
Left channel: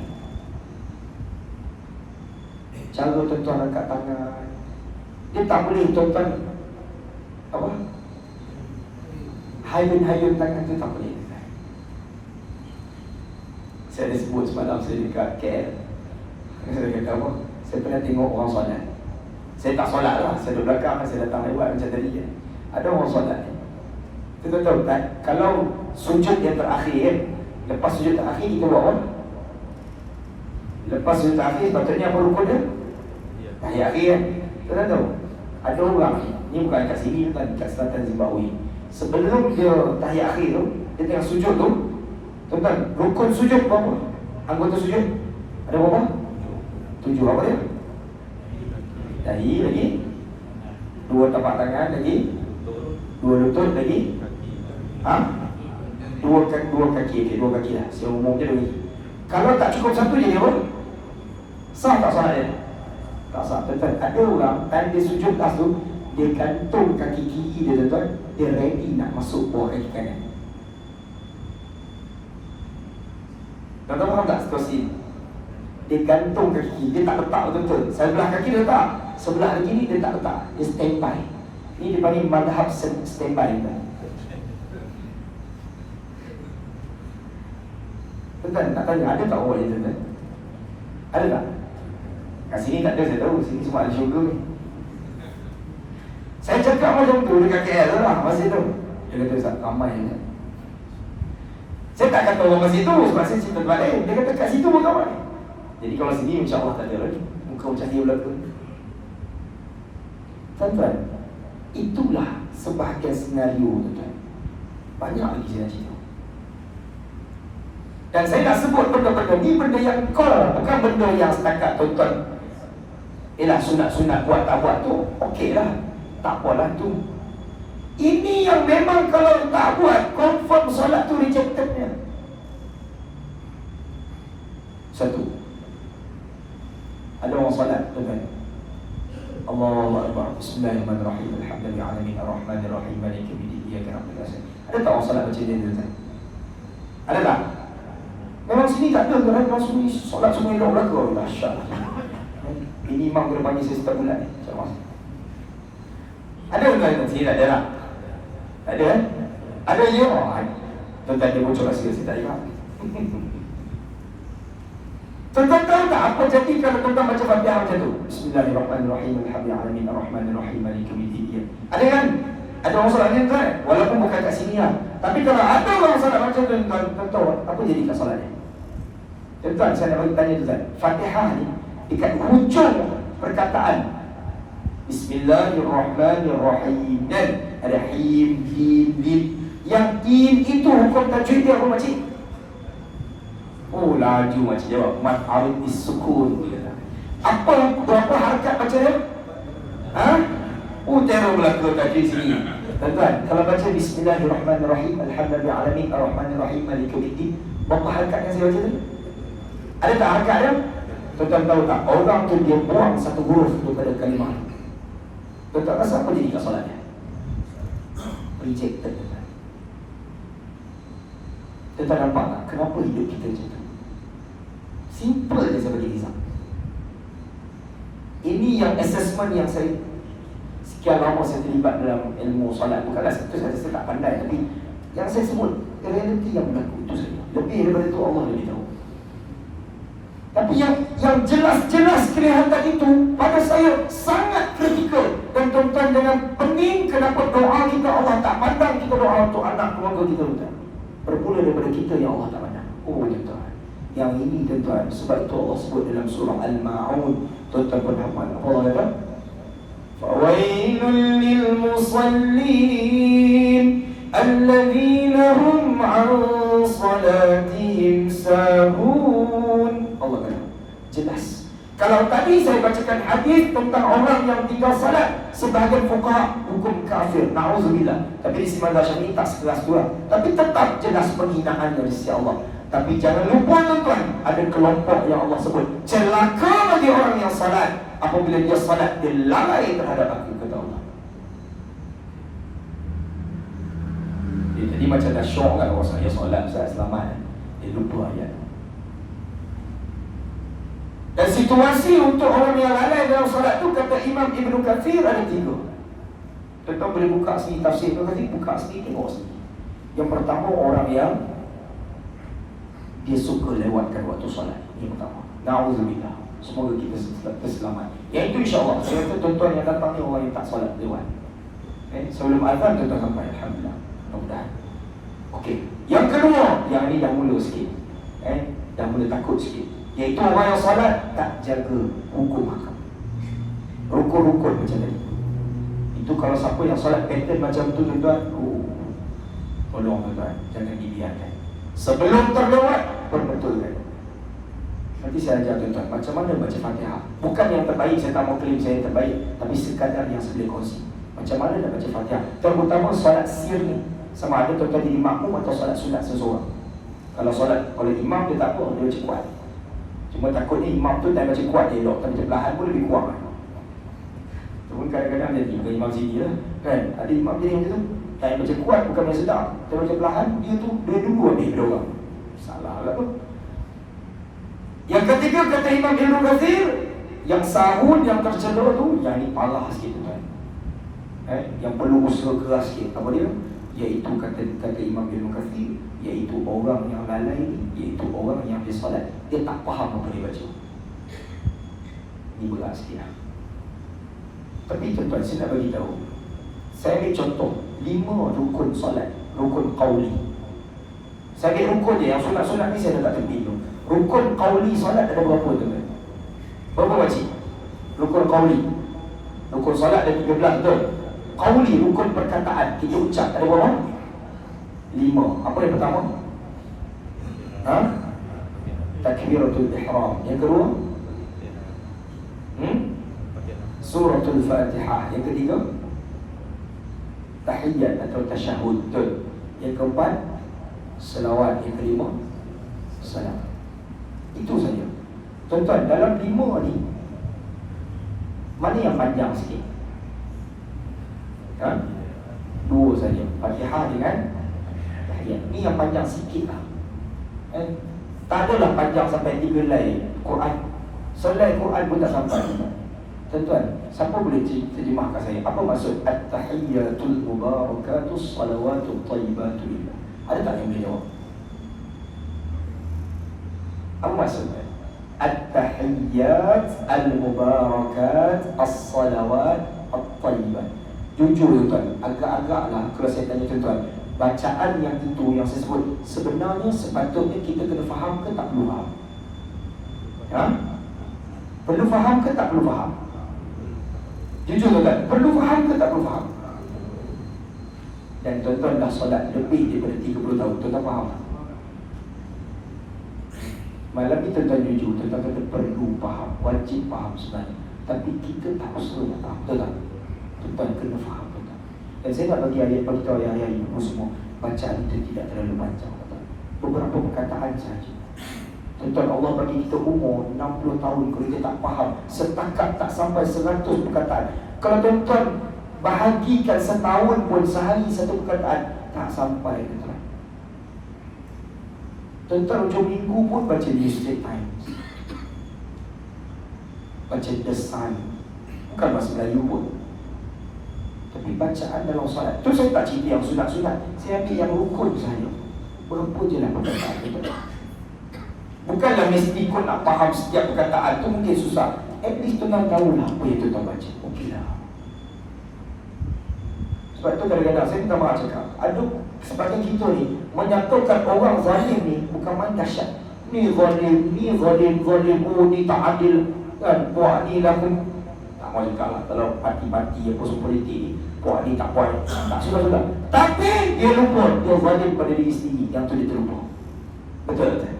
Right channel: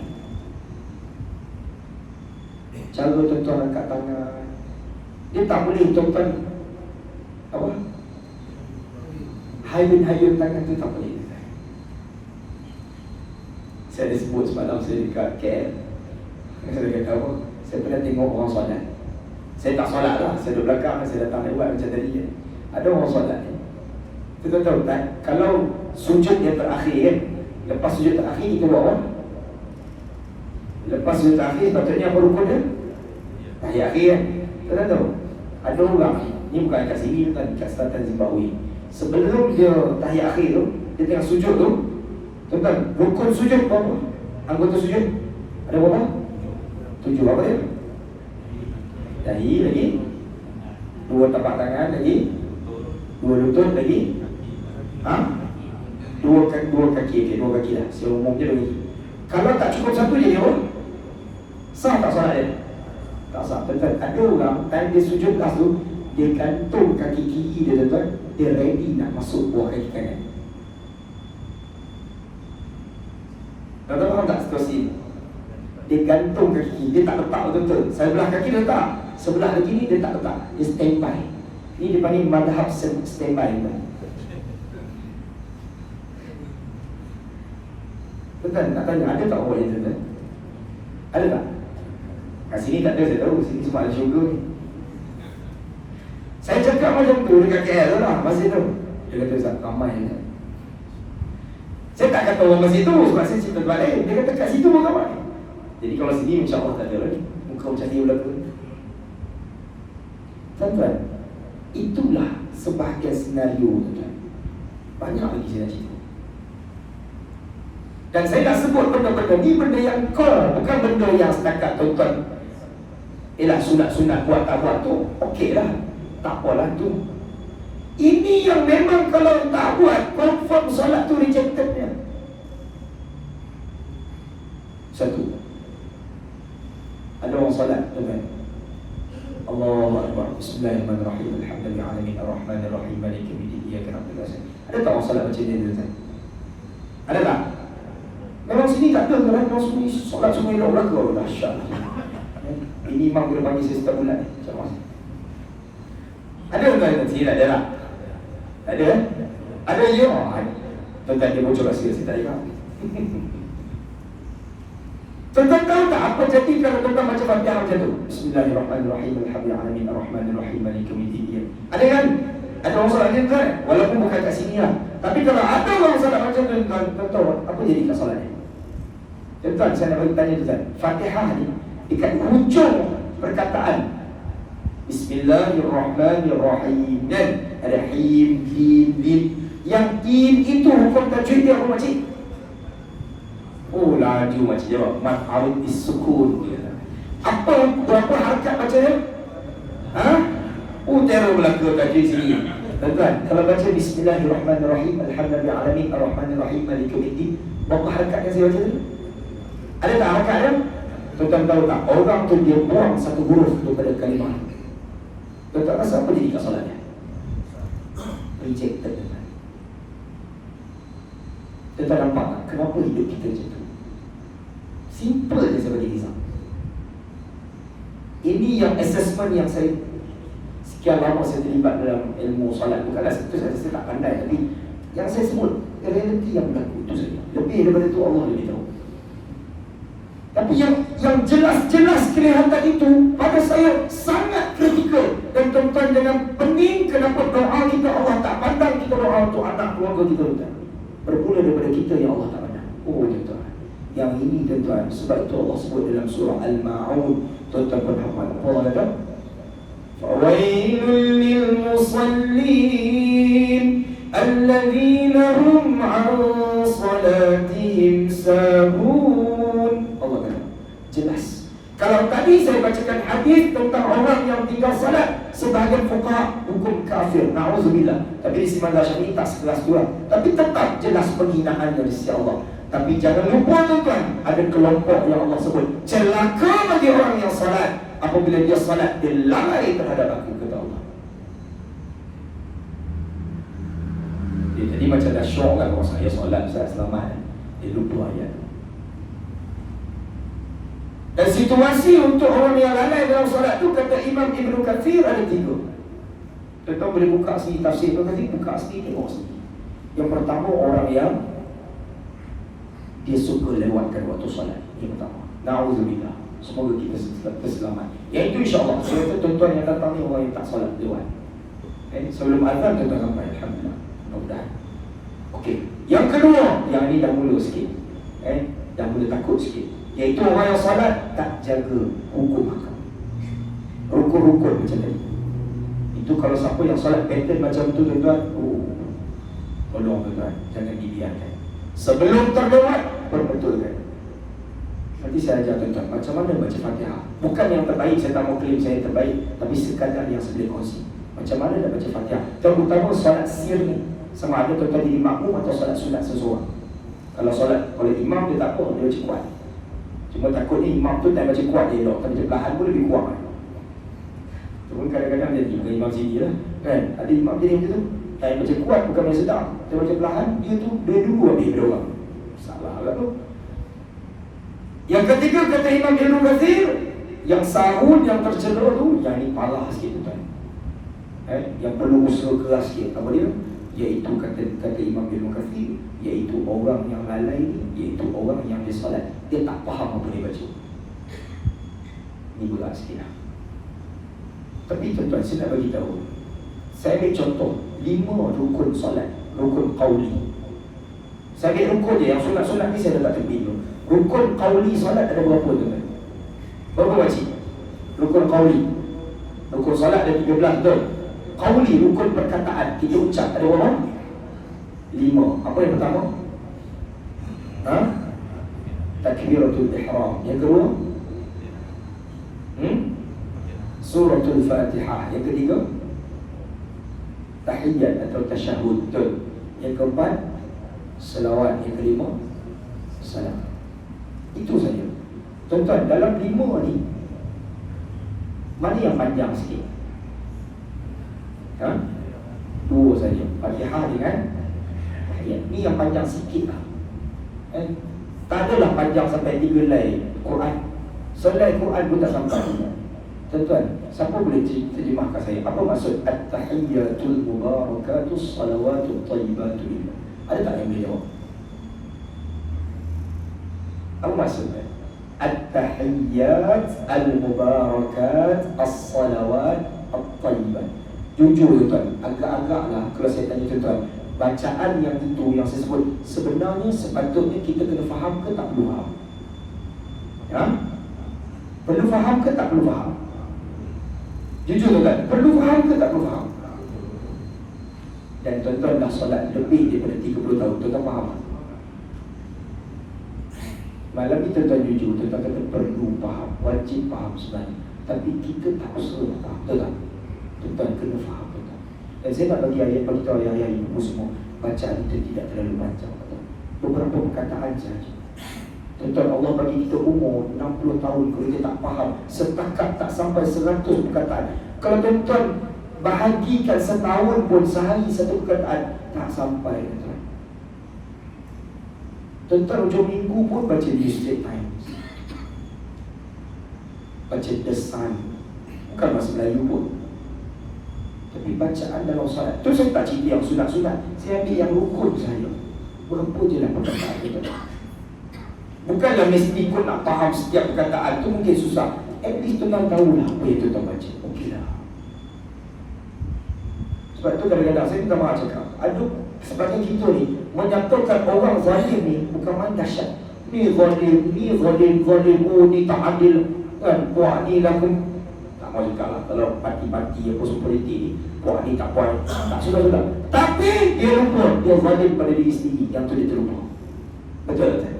Cara tuan-tuan angkat tangan, dia tak boleh tuan-tuan apa? Hayun-hayun tangan tu tak boleh. Saya ada sebut semalam saya dekat KL. Saya kata apa? Saya pernah tengok orang solat. Saya tak solat lah, saya duduk belakang, saya datang lewat macam tadi kan. Ada orang solat ni. Kita tahu kan, kalau sujud yang terakhir kan, lepas sujud terakhir kita buat apa? Lepas sujud terakhir sepatutnya apa rupa dia? Tahiyat akhir kan. Kita tahu ada orang ni bukan kat sini kan, kat selatan Zimbabwe. Sebelum dia tahiyat akhir tu, dia tengah sujud tu, tuan-tuan, rukun sujud berapa? Anggota sujud ada berapa? 7 apa dia? Dahi lagi, 2 tapak tangan lagi, 2 lutut lagi, dua kaki lah. Seumumnya lagi. Kalau tak cukup satu je dia apa? Sah tak solat dia? Tak sah. Tuan-tuan, ada orang time dia sujud lepas tu, dia gantung kaki kiri dia tuan-tuan, dia ready nak masuk bawah kaki kanan. Tuan-tuan faham tak situasi ni? Dia gantung kaki kiri, dia tak letak betul-betul. Sebelah kaki dia letak, sebelah kaki ni dia tak letak. Dia standby. Ni dia panggil madhab standby tuan. Tuan-tuan, nak tanya, ada tak orang yang tuan-tuan? Ada tak? Kat sini tak ada, saya tahu. Sini cuma ada syurga ni. Saya cakap macam tu dekat KL lah, masa tu. Dia kata, Ustaz, amai je. Saya tak kata orang masih tu, sebab saya cerita tempat lain. Dia kata, kat situ pun amai. Jadi kalau sini, insyaAllah tak ada lagi. Muka macam dia belakang. Tuan-tuan, itulah sebahagian senario tuan. Banyak lagi saya nak cerita. Dan saya nak sebut benda-benda ni, benda yang core, bukan benda yang setakat tuan-tuan sunat-sunat buat tak buat tu, okey lah, tak apalah tu. Ini yang memang kalau tak buat, confirm solat tu rejectednya. Satu, ada orang solat tuan-tuan, Allahu Akbar, Bismillahirrahmanirrahim, Alhamdulillahirrahmanirrahim, Ar-Rahmanirrahim, Maliki yaumiddin, Iyyaka na'budu wa iyyaka nasta'in. Ada tak orang solat macam ni tuan-tuan? Ada tak? Memang sini tak ada tuan-tuan, memang sini solat semua elok belaka. Dahsyat. Ini imam kena panggil saya setiap bulan ni. Ada tuan-tuan? Sini tak ada lah. Ada? Ada je? Tuan-tuan dia bocor rahsia, saya tak ingat. Tuan-tuan tahu tak apa jadi kalau tuan-tuan baca Fatihah macam tu? Bismillahirrahmanirrahim, Alhamdulillahirrahmanirrahim, Ar-Rahmanirrahim, Maliki yaumiddin. Ada kan? Ada orang solat macam tu kan? Walaupun bukan kat sini lah. Tapi kalau ada orang solat macam tu, tuan-tuan, apa jadi kat solatnya? Tuan-tuan, saya nak bagi tanya tuan-tuan, Fatihah ni dekat hujung perkataan Bismillahirrahmanirrahim, dan ada him, him, him. Yang him itu hukum tajwid dia apa makcik? Oh laju makcik jawab, mat arif is-sukun. Apa berapa harakat baca dia? Teror belaka tajwid sini. Tuan-tuan, kalau baca Bismillahirrahmanirrahim, Alhamdulillahirrahmanirrahim, Ar-Rahmanirrahim, Maliki yaumiddin, berapa harakat yang saya baca tadi? Ada tak harakat dia? Tuan-tuan tahu tak, orang tu dia buang satu huruf daripada kalimah. Tuan-tuan rasa apa jadi kat solatnya? Rejected. Tuan-tuan nampak tak kenapa hidup kita macam tu? Simple je saya bagi kisah. Ini yang assessment yang saya sekian lama saya terlibat dalam ilmu solat. Bukanlah itu saya tak pandai, tapi yang saya sebut realiti yang berlaku itu saja. Lebih daripada itu Allah lebih tahu. Tapi yang jelas-jelas kelihatan itu pada saya sangat kritikal. Dan tuan-tuan jangan pening kenapa doa kita Allah tak pandang kita doa untuk anak keluarga kita tuan. Bermula daripada kita yang Allah tak pandang. Oh tuan-tuan, yang ini tuan-tuan, sebab itu Allah sebut dalam surah Al-Ma'un. Tuan-tuan berhafal Allah kata, فَوَيْلٌ لِلْمُصَلِّينَ alladzina hum 'an salatihim sahun. Allah kata jelas. Kalau tadi saya bacakan hadis tentang orang yang tinggal salat, sebahagian fuqaha hukum kafir, na'udzubillah. Tapi di sisi mazhab Syafi'i tak sekelas dua. Tapi tetap jelas penghinaan dari sisi Allah. Tapi jangan lupa tuan-tuan, ada kelompok yang Allah sebut celaka bagi orang yang salat. Apabila dia salat, dia lalai terhadap aku, kata Allah. Dia tadi macam dah syok kan, saya salat, saya selamat. Dia lupa ayat. Dan situasi untuk orang yang lalai dalam solat tu, kata Imam Ibn Kathir, ada tiga. Tuan-tuan boleh buka sini tafsir Ibn Kathir, buka sini, tengok sini. Yang pertama, orang yang dia suka lewatkan waktu solat. Yang pertama, na'udzubillah. Semoga kita selamat. Yang itu insyaAllah. Sebab itu tuan-tuan yang datang ni orang yang tak solat lewat. Sebelum azan tuan-tuan sampai, alhamdulillah. Mudah-mudahan. Okey. Yang kedua, yang ni dah mula sikit. Dah mula takut sikit. Iaitu orang yang salat tak jaga hukum hakam, rukun-rukun macam tadi. Itu kalau siapa yang salat pattern macam tu tuan-tuan, tolong tuan-tuan, jangan dibiarkan. Sebelum terlewat, perbetulkan. Nanti saya ajar tuan-tuan macam mana baca Fatihah. Bukan yang terbaik, saya tak mau klaim saya terbaik, tapi sekadar yang saya boleh kongsi. Macam mana nak baca Fatihah, terutama salat sir ni. Sama ada tuan-tuan jadi makmum atau salat sunat seseorang. Kalau imam dia tak apa, dia baca kuat. Cuma takut ni imam tu tak baca kuat, dia elok. Tapi baca perlahan pun lebih kuat kan. Cuma kadang-kadang jadi bukan imam sini lah kan. Ada imam jadi macam tu, yang baca kuat bukan yang sedap, dia baca perlahan, dia tu dia dulu habis dia orang. Salah lah tu. Yang ketiga, kata Imam Ibn Kathir, yang sahun, yang tercela tu, yang ni parah sikit tu kan. Yang perlu usaha keras sikit. Apa dia? Iaitu kata Imam Ibn Kathir, iaitu orang yang lalai, iaitu orang yang dia salat, dia tak faham apa dia baca. Ini berat sikit lah. Tapi tuan-tuan, saya nak bagi tahu. Saya ambil contoh 5 rukun salat, rukun qauli. Saya ambil rukun je, yang sunat-sunat ni saya dah tak tepi tu. Rukun qauli salat ada berapa tuan-tuan? Berapa wajib? Rukun qauli. Rukun salat ada 13 betul. Qauli, rukun perkataan, kita ucap ada berapa? 5. Apa yang pertama? Takbiratul ihram. Yang kedua? Suratul Fatihah. Yang ketiga? Tahiyyat atau tasyahud. Yang keempat? Selawat. Yang kelima? Salam. Itu saja. Tuan-tuan, dalam 5 ni, mana yang panjang sikit? 2 saja. Fatihah dengan tahiyyat. Ni yang panjang sikit lah. Tak adalah panjang sampai 3 helai Quran. Selai Quran pun tak sampai. Tuan-tuan, siapa boleh terjemahkan saya? Apa maksud at-tahiyyatul mubarakatus salawatul thayyibatu? Ada tak yang boleh jawab? Apa maksudnya? At-tahiyyat al-mubarakat as-salawat at-thayyibat. Jujur tuan, agak-agaklah kalau saya tanya tuan-tuan, bacaan yang itu yang saya sebut, sebenarnya sepatutnya kita kena faham ke tak perlu faham? Perlu faham ke tak perlu faham? Jujur tuan-tuan, perlu faham ke tak perlu faham? Dan tuan-tuan dah solat lebih daripada 30 tahun, tuan-tuan faham? Malam ni tuan-tuan jujur, tuan-tuan kata perlu faham, wajib faham sebenarnya. Tapi kita tak usaha faham, betul tak? Tuan-tuan kena faham, tuan-tuan. Dan saya nak bagi ayat bagi tahu ayat ibu semua, bacaan itu tidak terlalu panjang, tuan-tuan. Beberapa perkataan saja. Tuan-tuan, Allah bagi kita umur 60 tahun, kalau kita tak faham, setakat tak sampai 100 perkataan. Kalau tuan-tuan bahagikan setahun pun sehari 1 perkataan, tak sampai, tuan-tuan. Tuan-tuan hujung minggu pun baca New Straits Times, baca The Sun, bukan bahasa Melayu pun. Tapi bacaan dalam salat tu saya tak cerita yang sunat-sunat, saya ambil yang rukun saja. Berapa je lah perkataan itu. Bukanlah mesti pun nak faham setiap perkataan tu, mungkin susah. At least tuan-tuan tahulah apa yang tuan-tuan baca. Okeylah. Sebab tu kadang-kadang saya minta maaf cakap, aduh, sebagai kita ni menyatakan orang zalim ni bukan main dahsyat. Ni zalim, oh ni tak adil kan, buat ni lah pun tak Mau juga lah. Kalau parti-parti apa semua politik ni, puan ni tak puan, tak sudah. Tapi dia lupa, dia zalim pada diri sendiri. Yang tu dia terlupa. Betul tak?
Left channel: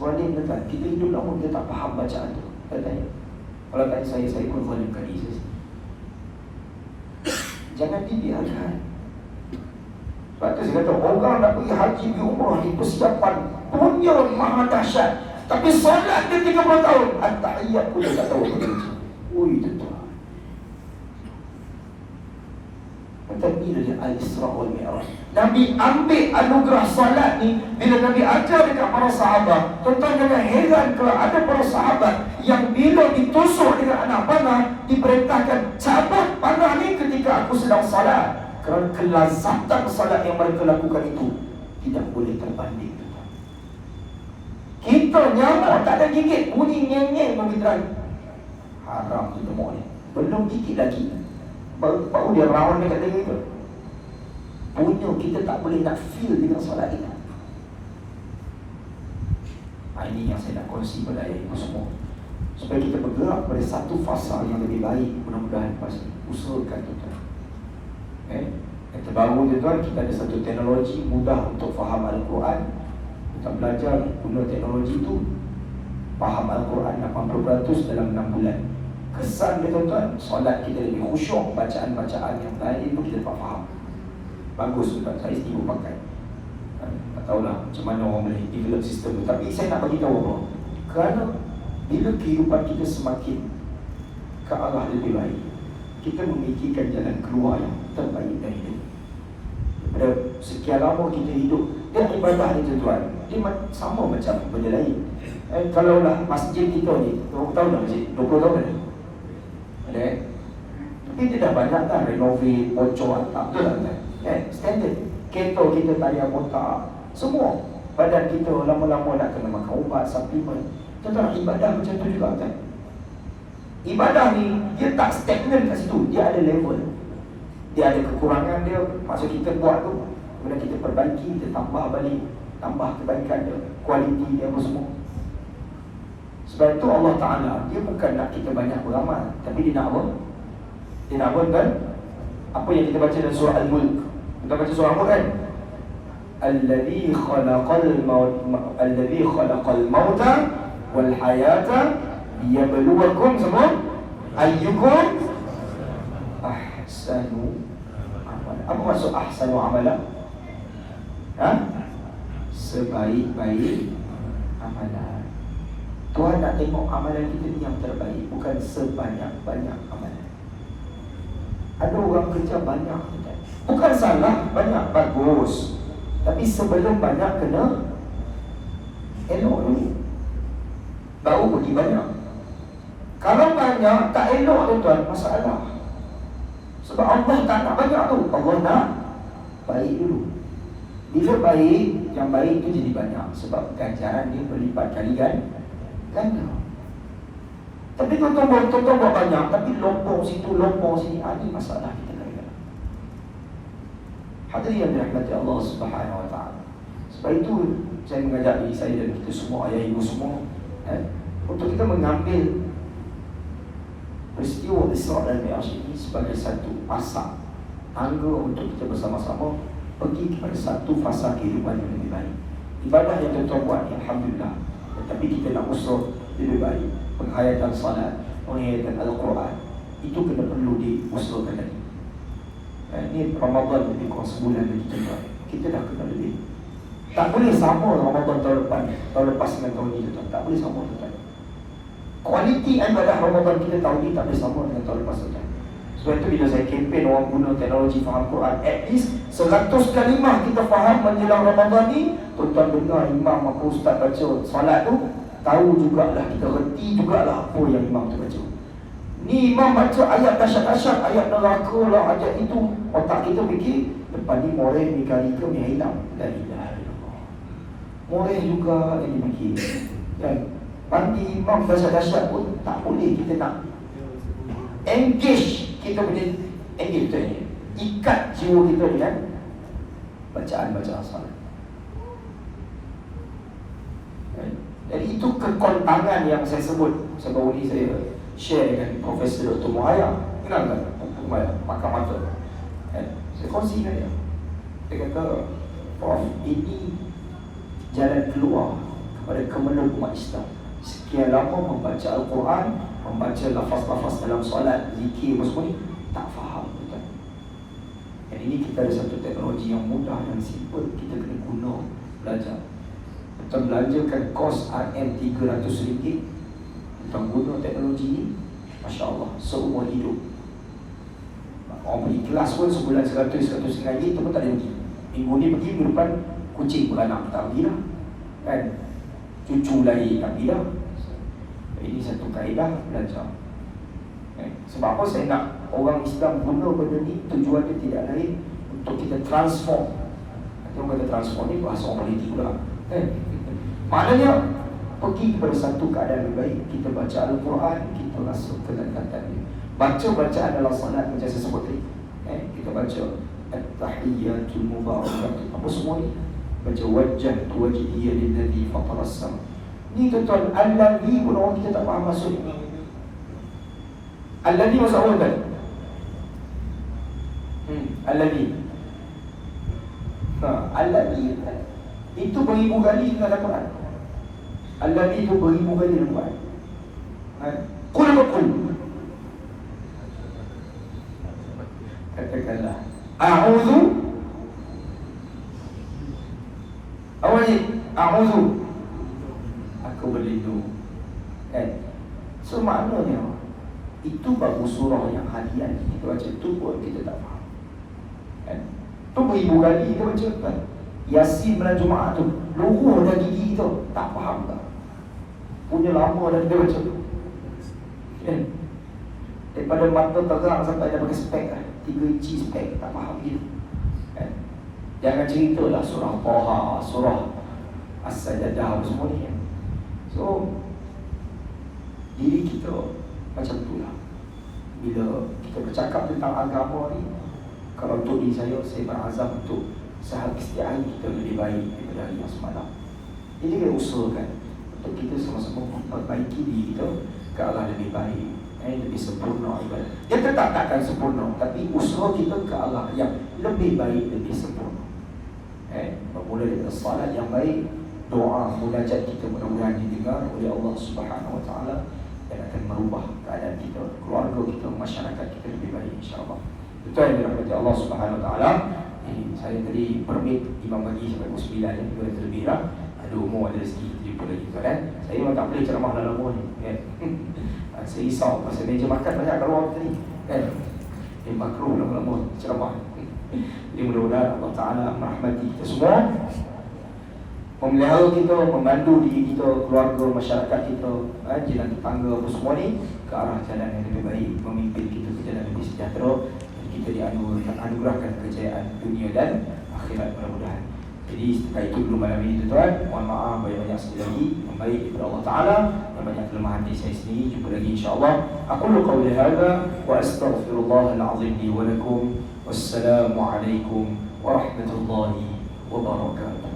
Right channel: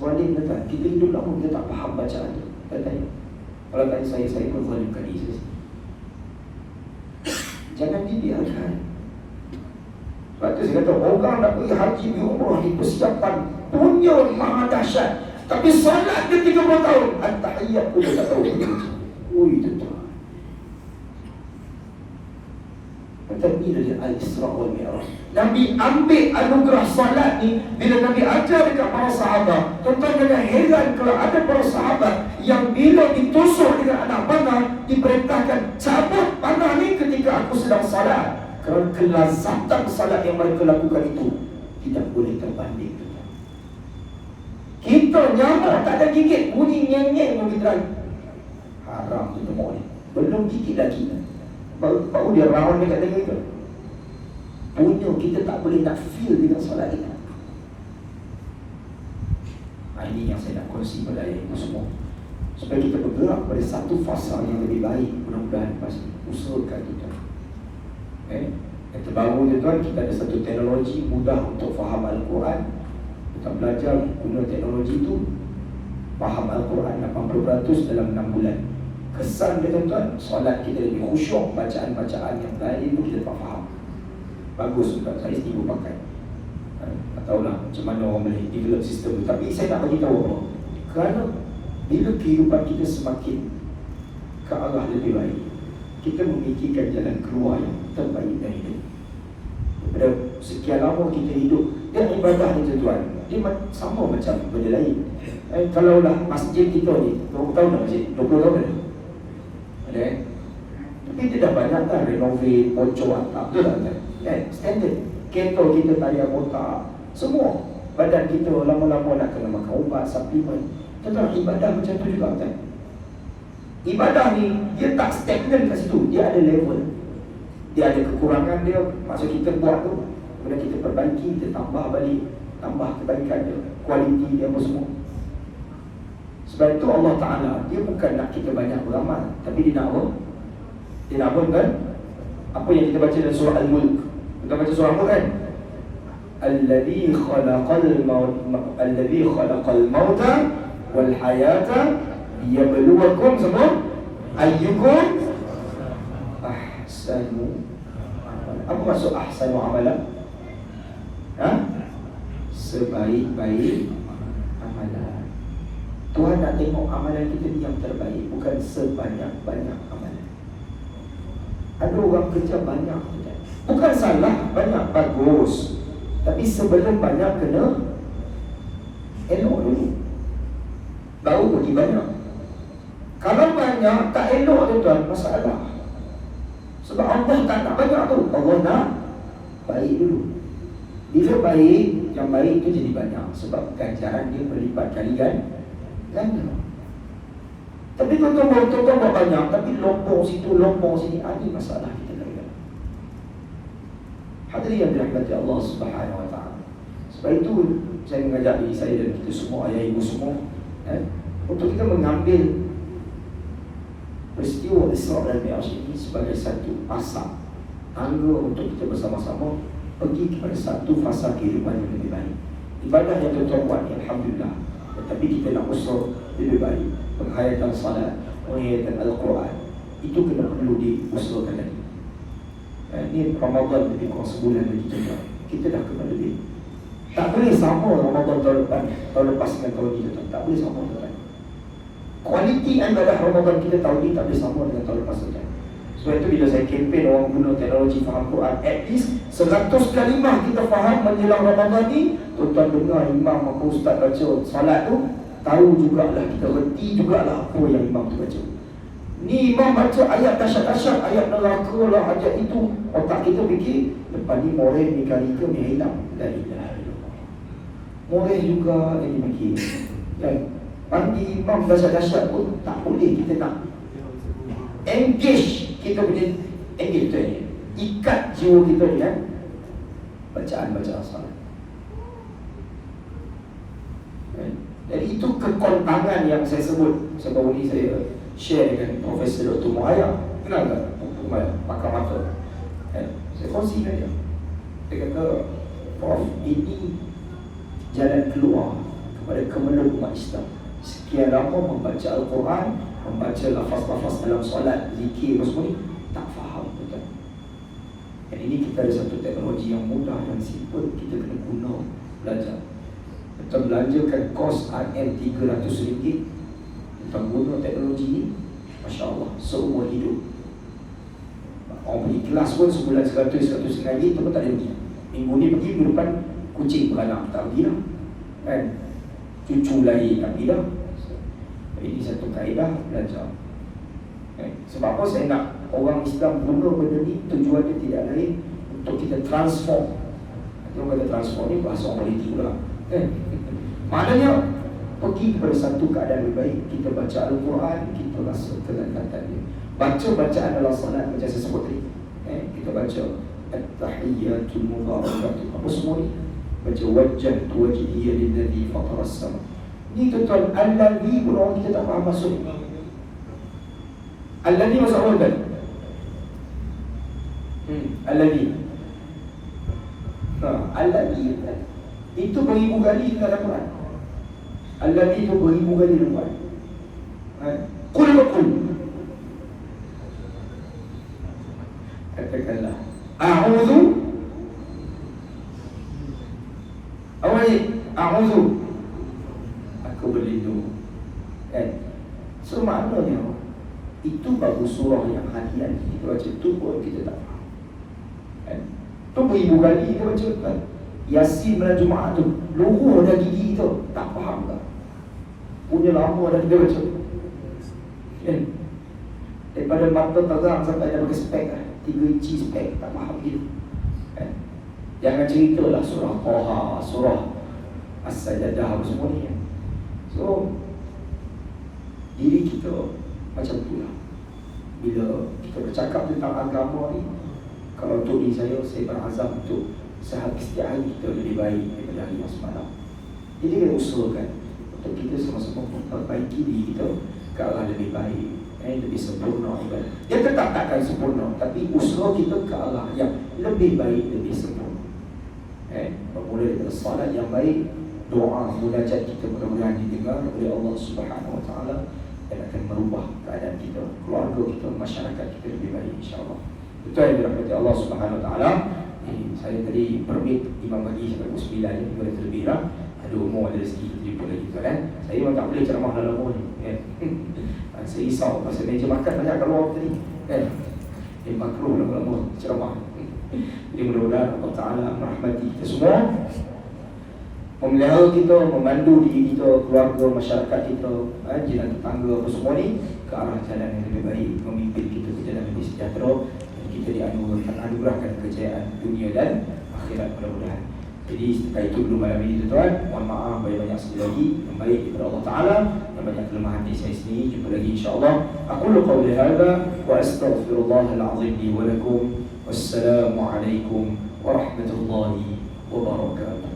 Zalim ke tak? Kita hidup lama, kita tak faham bacaan tu. Kata kalau tanya saya pun zalimkan diri saya. Jangan dibiarkan. Sebab tu saya kata, orang nak pergi haji, pergi umrah ni persiapan punya maha dahsyat. Tapi solat dia 30 tahun, at-tahiyyat pun dia tak tahu. Ui, tuan-tuan. Kata ni dia Al-Isra wal Mi'raj. Nabi ambil anugerah salat ni bila Nabi ajar dekat para sahabat. Tuan-tuan jangan heran kalau ada para sahabat yang bila ditusuk dengan anak panah, diperintahkan cabut panah ni ketika aku sedang salat. Kerana kelazatan salat yang mereka lakukan itu tidak boleh terbanding. Kita nyamuk tak ada gigit, bunyi nyeng-nyeng pun kita haram tu nyamuk ni. Belum gigit lagi, baru dia rawan dekat diri kita. Punya kita tak boleh nak feel dengan solat kita. Ini yang saya nak kongsi pada ibu semua, supaya kita bergerak pada satu fasa yang lebih baik. Mudah-mudahan pasti usahakan kita. Yang terbaru tuan, kita ada satu teknologi mudah untuk faham Al-Quran. Kita belajar guna teknologi itu, faham Al-Quran 80% dalam 6 bulan. Kesan dia tuan-tuan, solat kita lebih khusyuk, bacaan-bacaan yang lain pun kita tak faham. Bagus tuan, saya sendiri pakai. Tak tahulah macam mana orang boleh develop sistem tu. Tapi saya nak bagi tahu apa, kerana bila kehidupan kita semakin ke arah lebih baik, kita memikirkan jalan keluar yang terbaik dari hidup. Pada sekian lama kita hidup, dan ibadah ni tuan-tuan, dia sama macam benda lain. Kalaulah masjid kita ni 20 tahun dah masjid, 20 tahun dah. Ada tapi dia dah banyak kan renovate, bocor atap, betul tak? Standard. Kereta kita tayar botak, semua. Badan kita lama-lama nak kena makan ubat, suplemen. Tuan-tuan, ibadah macam tu juga kan? Ibadah ni, dia tak stagnan kat situ, dia ada level. Dia ada kekurangan dia, masa kita buat tu, kemudian kita perbaiki, kita tambah balik, tambah kebaikan dia, kualiti dia apa semua. Sebab itu Allah Ta'ala, dia bukan nak kita banyak beramal, tapi dia nak apa? Dia nak apa kan? Apa yang kita baca dalam surah Al-Mulk. Kita baca surah Al-Mulk kan? Alladhi khalaqal mauta wal hayata liyabluwakum semua ayyukum ahsanu amal. Apa maksud ahsanu amalan? Sebaik-baik amalan. Tuhan nak tengok amalan kita ni yang terbaik, bukan sebanyak-banyak amalan. Ada orang kerja banyak, bukan salah, banyak bagus. Tapi sebelum banyak kena elok dulu, baru pergi banyak. Kalau banyak tak elok tuan, masalah. Sebab Allah tak nak banyak tu, Allah nak baik dulu. Bila baik, yang baik tu jadi banyak. Sebab ganjaran dia berlipat kali ganda. Tapi tuan-tuan buat banyak, tapi lompong situ, lompong sini. Ini masalah kita lagi. Hadirin yang dirahmati Allah Subhanahu Wa Taala. Sebab itu saya mengajak diri saya dan kita semua, ayah ibu semua, untuk kita mengambil peristiwa Isra dan Mi'raj ini sebagai satu asas tangga untuk kita bersama-sama pergi kepada satu fasa kehidupan yang lebih baik. Ibadah yang tuan-tuan buat ni, alhamdulillah, tetapi kita nak usaha lebih baik. Penghayatan salat, penghayatan Al-Quran, itu kena perlu diusahakan lagi. Ini Ramadan lebih kurang sebulan lagi tuan-tuan, kita dah kena lebih. Tak boleh sama Ramadan tahun lepas dengan tahun ini tuan-tuan. Tak boleh sama tuan-tuan. Kualiti ibadah Ramadan kita tahun ini tak boleh sama dengan tahun lepas tuan-tuan. Sebab itu bila saya kempen orang guna teknologi faham Quran, at least 100 kalimah kita faham menjelang Ramadan ni. Tuan-tuan dengar imam apa ustaz baca salat tu, tahu jugalah, kita reti jugalah apa yang imam tu baca. Ni imam baca ayat dahsyat-dahsyat, ayat neraka lah, ayat itu. Otak kita fikir, lepas ni moreh ni kali ke ni hilang. La ilaha illallah. Moreh juga lagi fikir. Kan? Mandi imam dahsyat-dahsyat pun tak boleh, kita nak engage. Kita boleh engage tu ni, ikat jiwa kita dengan bacaan salat. Jadi itu kekontangan yang saya sebut. Sebelum ini saya share dengan Profesor Dr. Muhayyad. Kenal tak Dr. Muhayyad? Pakar mata. Saya kongsi dengan dia. Dia kata, Prof, ini jalan keluar kepada kemeluk umat Islam. Sekian lama membaca Al-Quran, membaca lafaz-lafaz dalam solat, zikir semua ni, tak faham betul. Dan ini kita ada satu teknologi yang mudah dan simple, kita kena guna, belajar. Kita belanjakan kos RM300, kita guna teknologi ni, Masya Allah, seumur hidup. Orang pergi kelas pun sebulan 100-150 itu pun tak ada pergi. Minggu ni pergi, minggu depan kucing beranak, tak pergi lah kan. Cucu lahir, tak pergi lah. Ini satu kaedah belajar. Sebab apa saya nak orang Islam guna benda ni, tujuan dia tidak lain untuk kita transform. Orang kata transform ni bahasa orang politik pula. Maknanya pergi kepada satu keadaan lebih baik. Kita baca Al-Quran, kita rasa kedekatan dia. Baca bacaan dalam salat macam saya sebut tadi. Kita baca At-Tahiyyatul Mubarakatuh, apa semua ni. Baca wajjahtu wajhiya lilladzi fatara as-sama. Ni tuan-tuan, Al-Ladhi pun orang kita tak faham maksud. Al-Ladhi maksud apa kan? Al-Ladhi. Al-Ladhi itu beribu kali dalam Quran. Al-Ladhi itu beribu kali dalam Quran. Qul qul. Katakanlah a'udzu. Awal a'udzu, aku berlindung. So maknanya itu baru surah yang hadiah kita baca tu pun kita tak faham. Tu beribu kali kita baca kan. Yasin bulan Jumaat tu, luruh dah gigi tu, tak faham tak? Punya lama dah kita baca. Daripada mata terang sampai dah pakai spek 3 inci spek, tak faham gitu. Jangan ceritalah surah Taha, surah As-Sajdah semua ni. So diri kita macam tu lah. Bila kita bercakap tentang agama ni, kalau untuk diri saya berazam untuk setiap hari kita lebih baik daripada hari yang semalam. Jadi kita usahakan untuk kita sama-sama memperbaiki diri kita ke arah lebih baik, lebih sempurna ibadah. Dia tetap takkan sempurna, tapi usaha kita ke arah yang lebih baik, lebih sempurna. Bermula dari salat yang baik, doa munajat kita mudah-mudahan didengar oleh Allah Subhanahu Wa Taala dan akan merubah keadaan kita, keluarga kita, masyarakat kita lebih baik insya-Allah. Betul yang dirahmati Allah Subhanahu Wa Taala. Saya tadi permit imam bagi sampai pukul 9 ni, boleh terlebih lah. Ada umur, ada rezeki, kita jumpa lagi tu kan. Saya memang tak boleh ceramah dalam umur ni saya risau pasal meja makan banyak kat luar tadi kan. Makruh lama-lama ceramah. Jadi mudah-mudahan Allah Ta'ala merahmati kita semua, memelihara kita, memandu diri kita, keluarga, masyarakat kita, jiran tetangga apa semua ni ke arah jalan yang lebih baik, memimpin kita ke jalan lebih sejahtera, dan kita dianugerahkan kejayaan dunia dan akhirat mudah-mudahan. Jadi setelah itu dulu malam ini tuan-tuan, mohon maaf banyak-banyak sekali lagi, membaik daripada Allah Ta'ala, dan banyak kelemahan di saya sendiri. Jumpa lagi insyaAllah. Aku qawli hadha wa astaghfirullahal azim li wa lakum. Wassalamualaikum warahmatullahi wabarakatuh.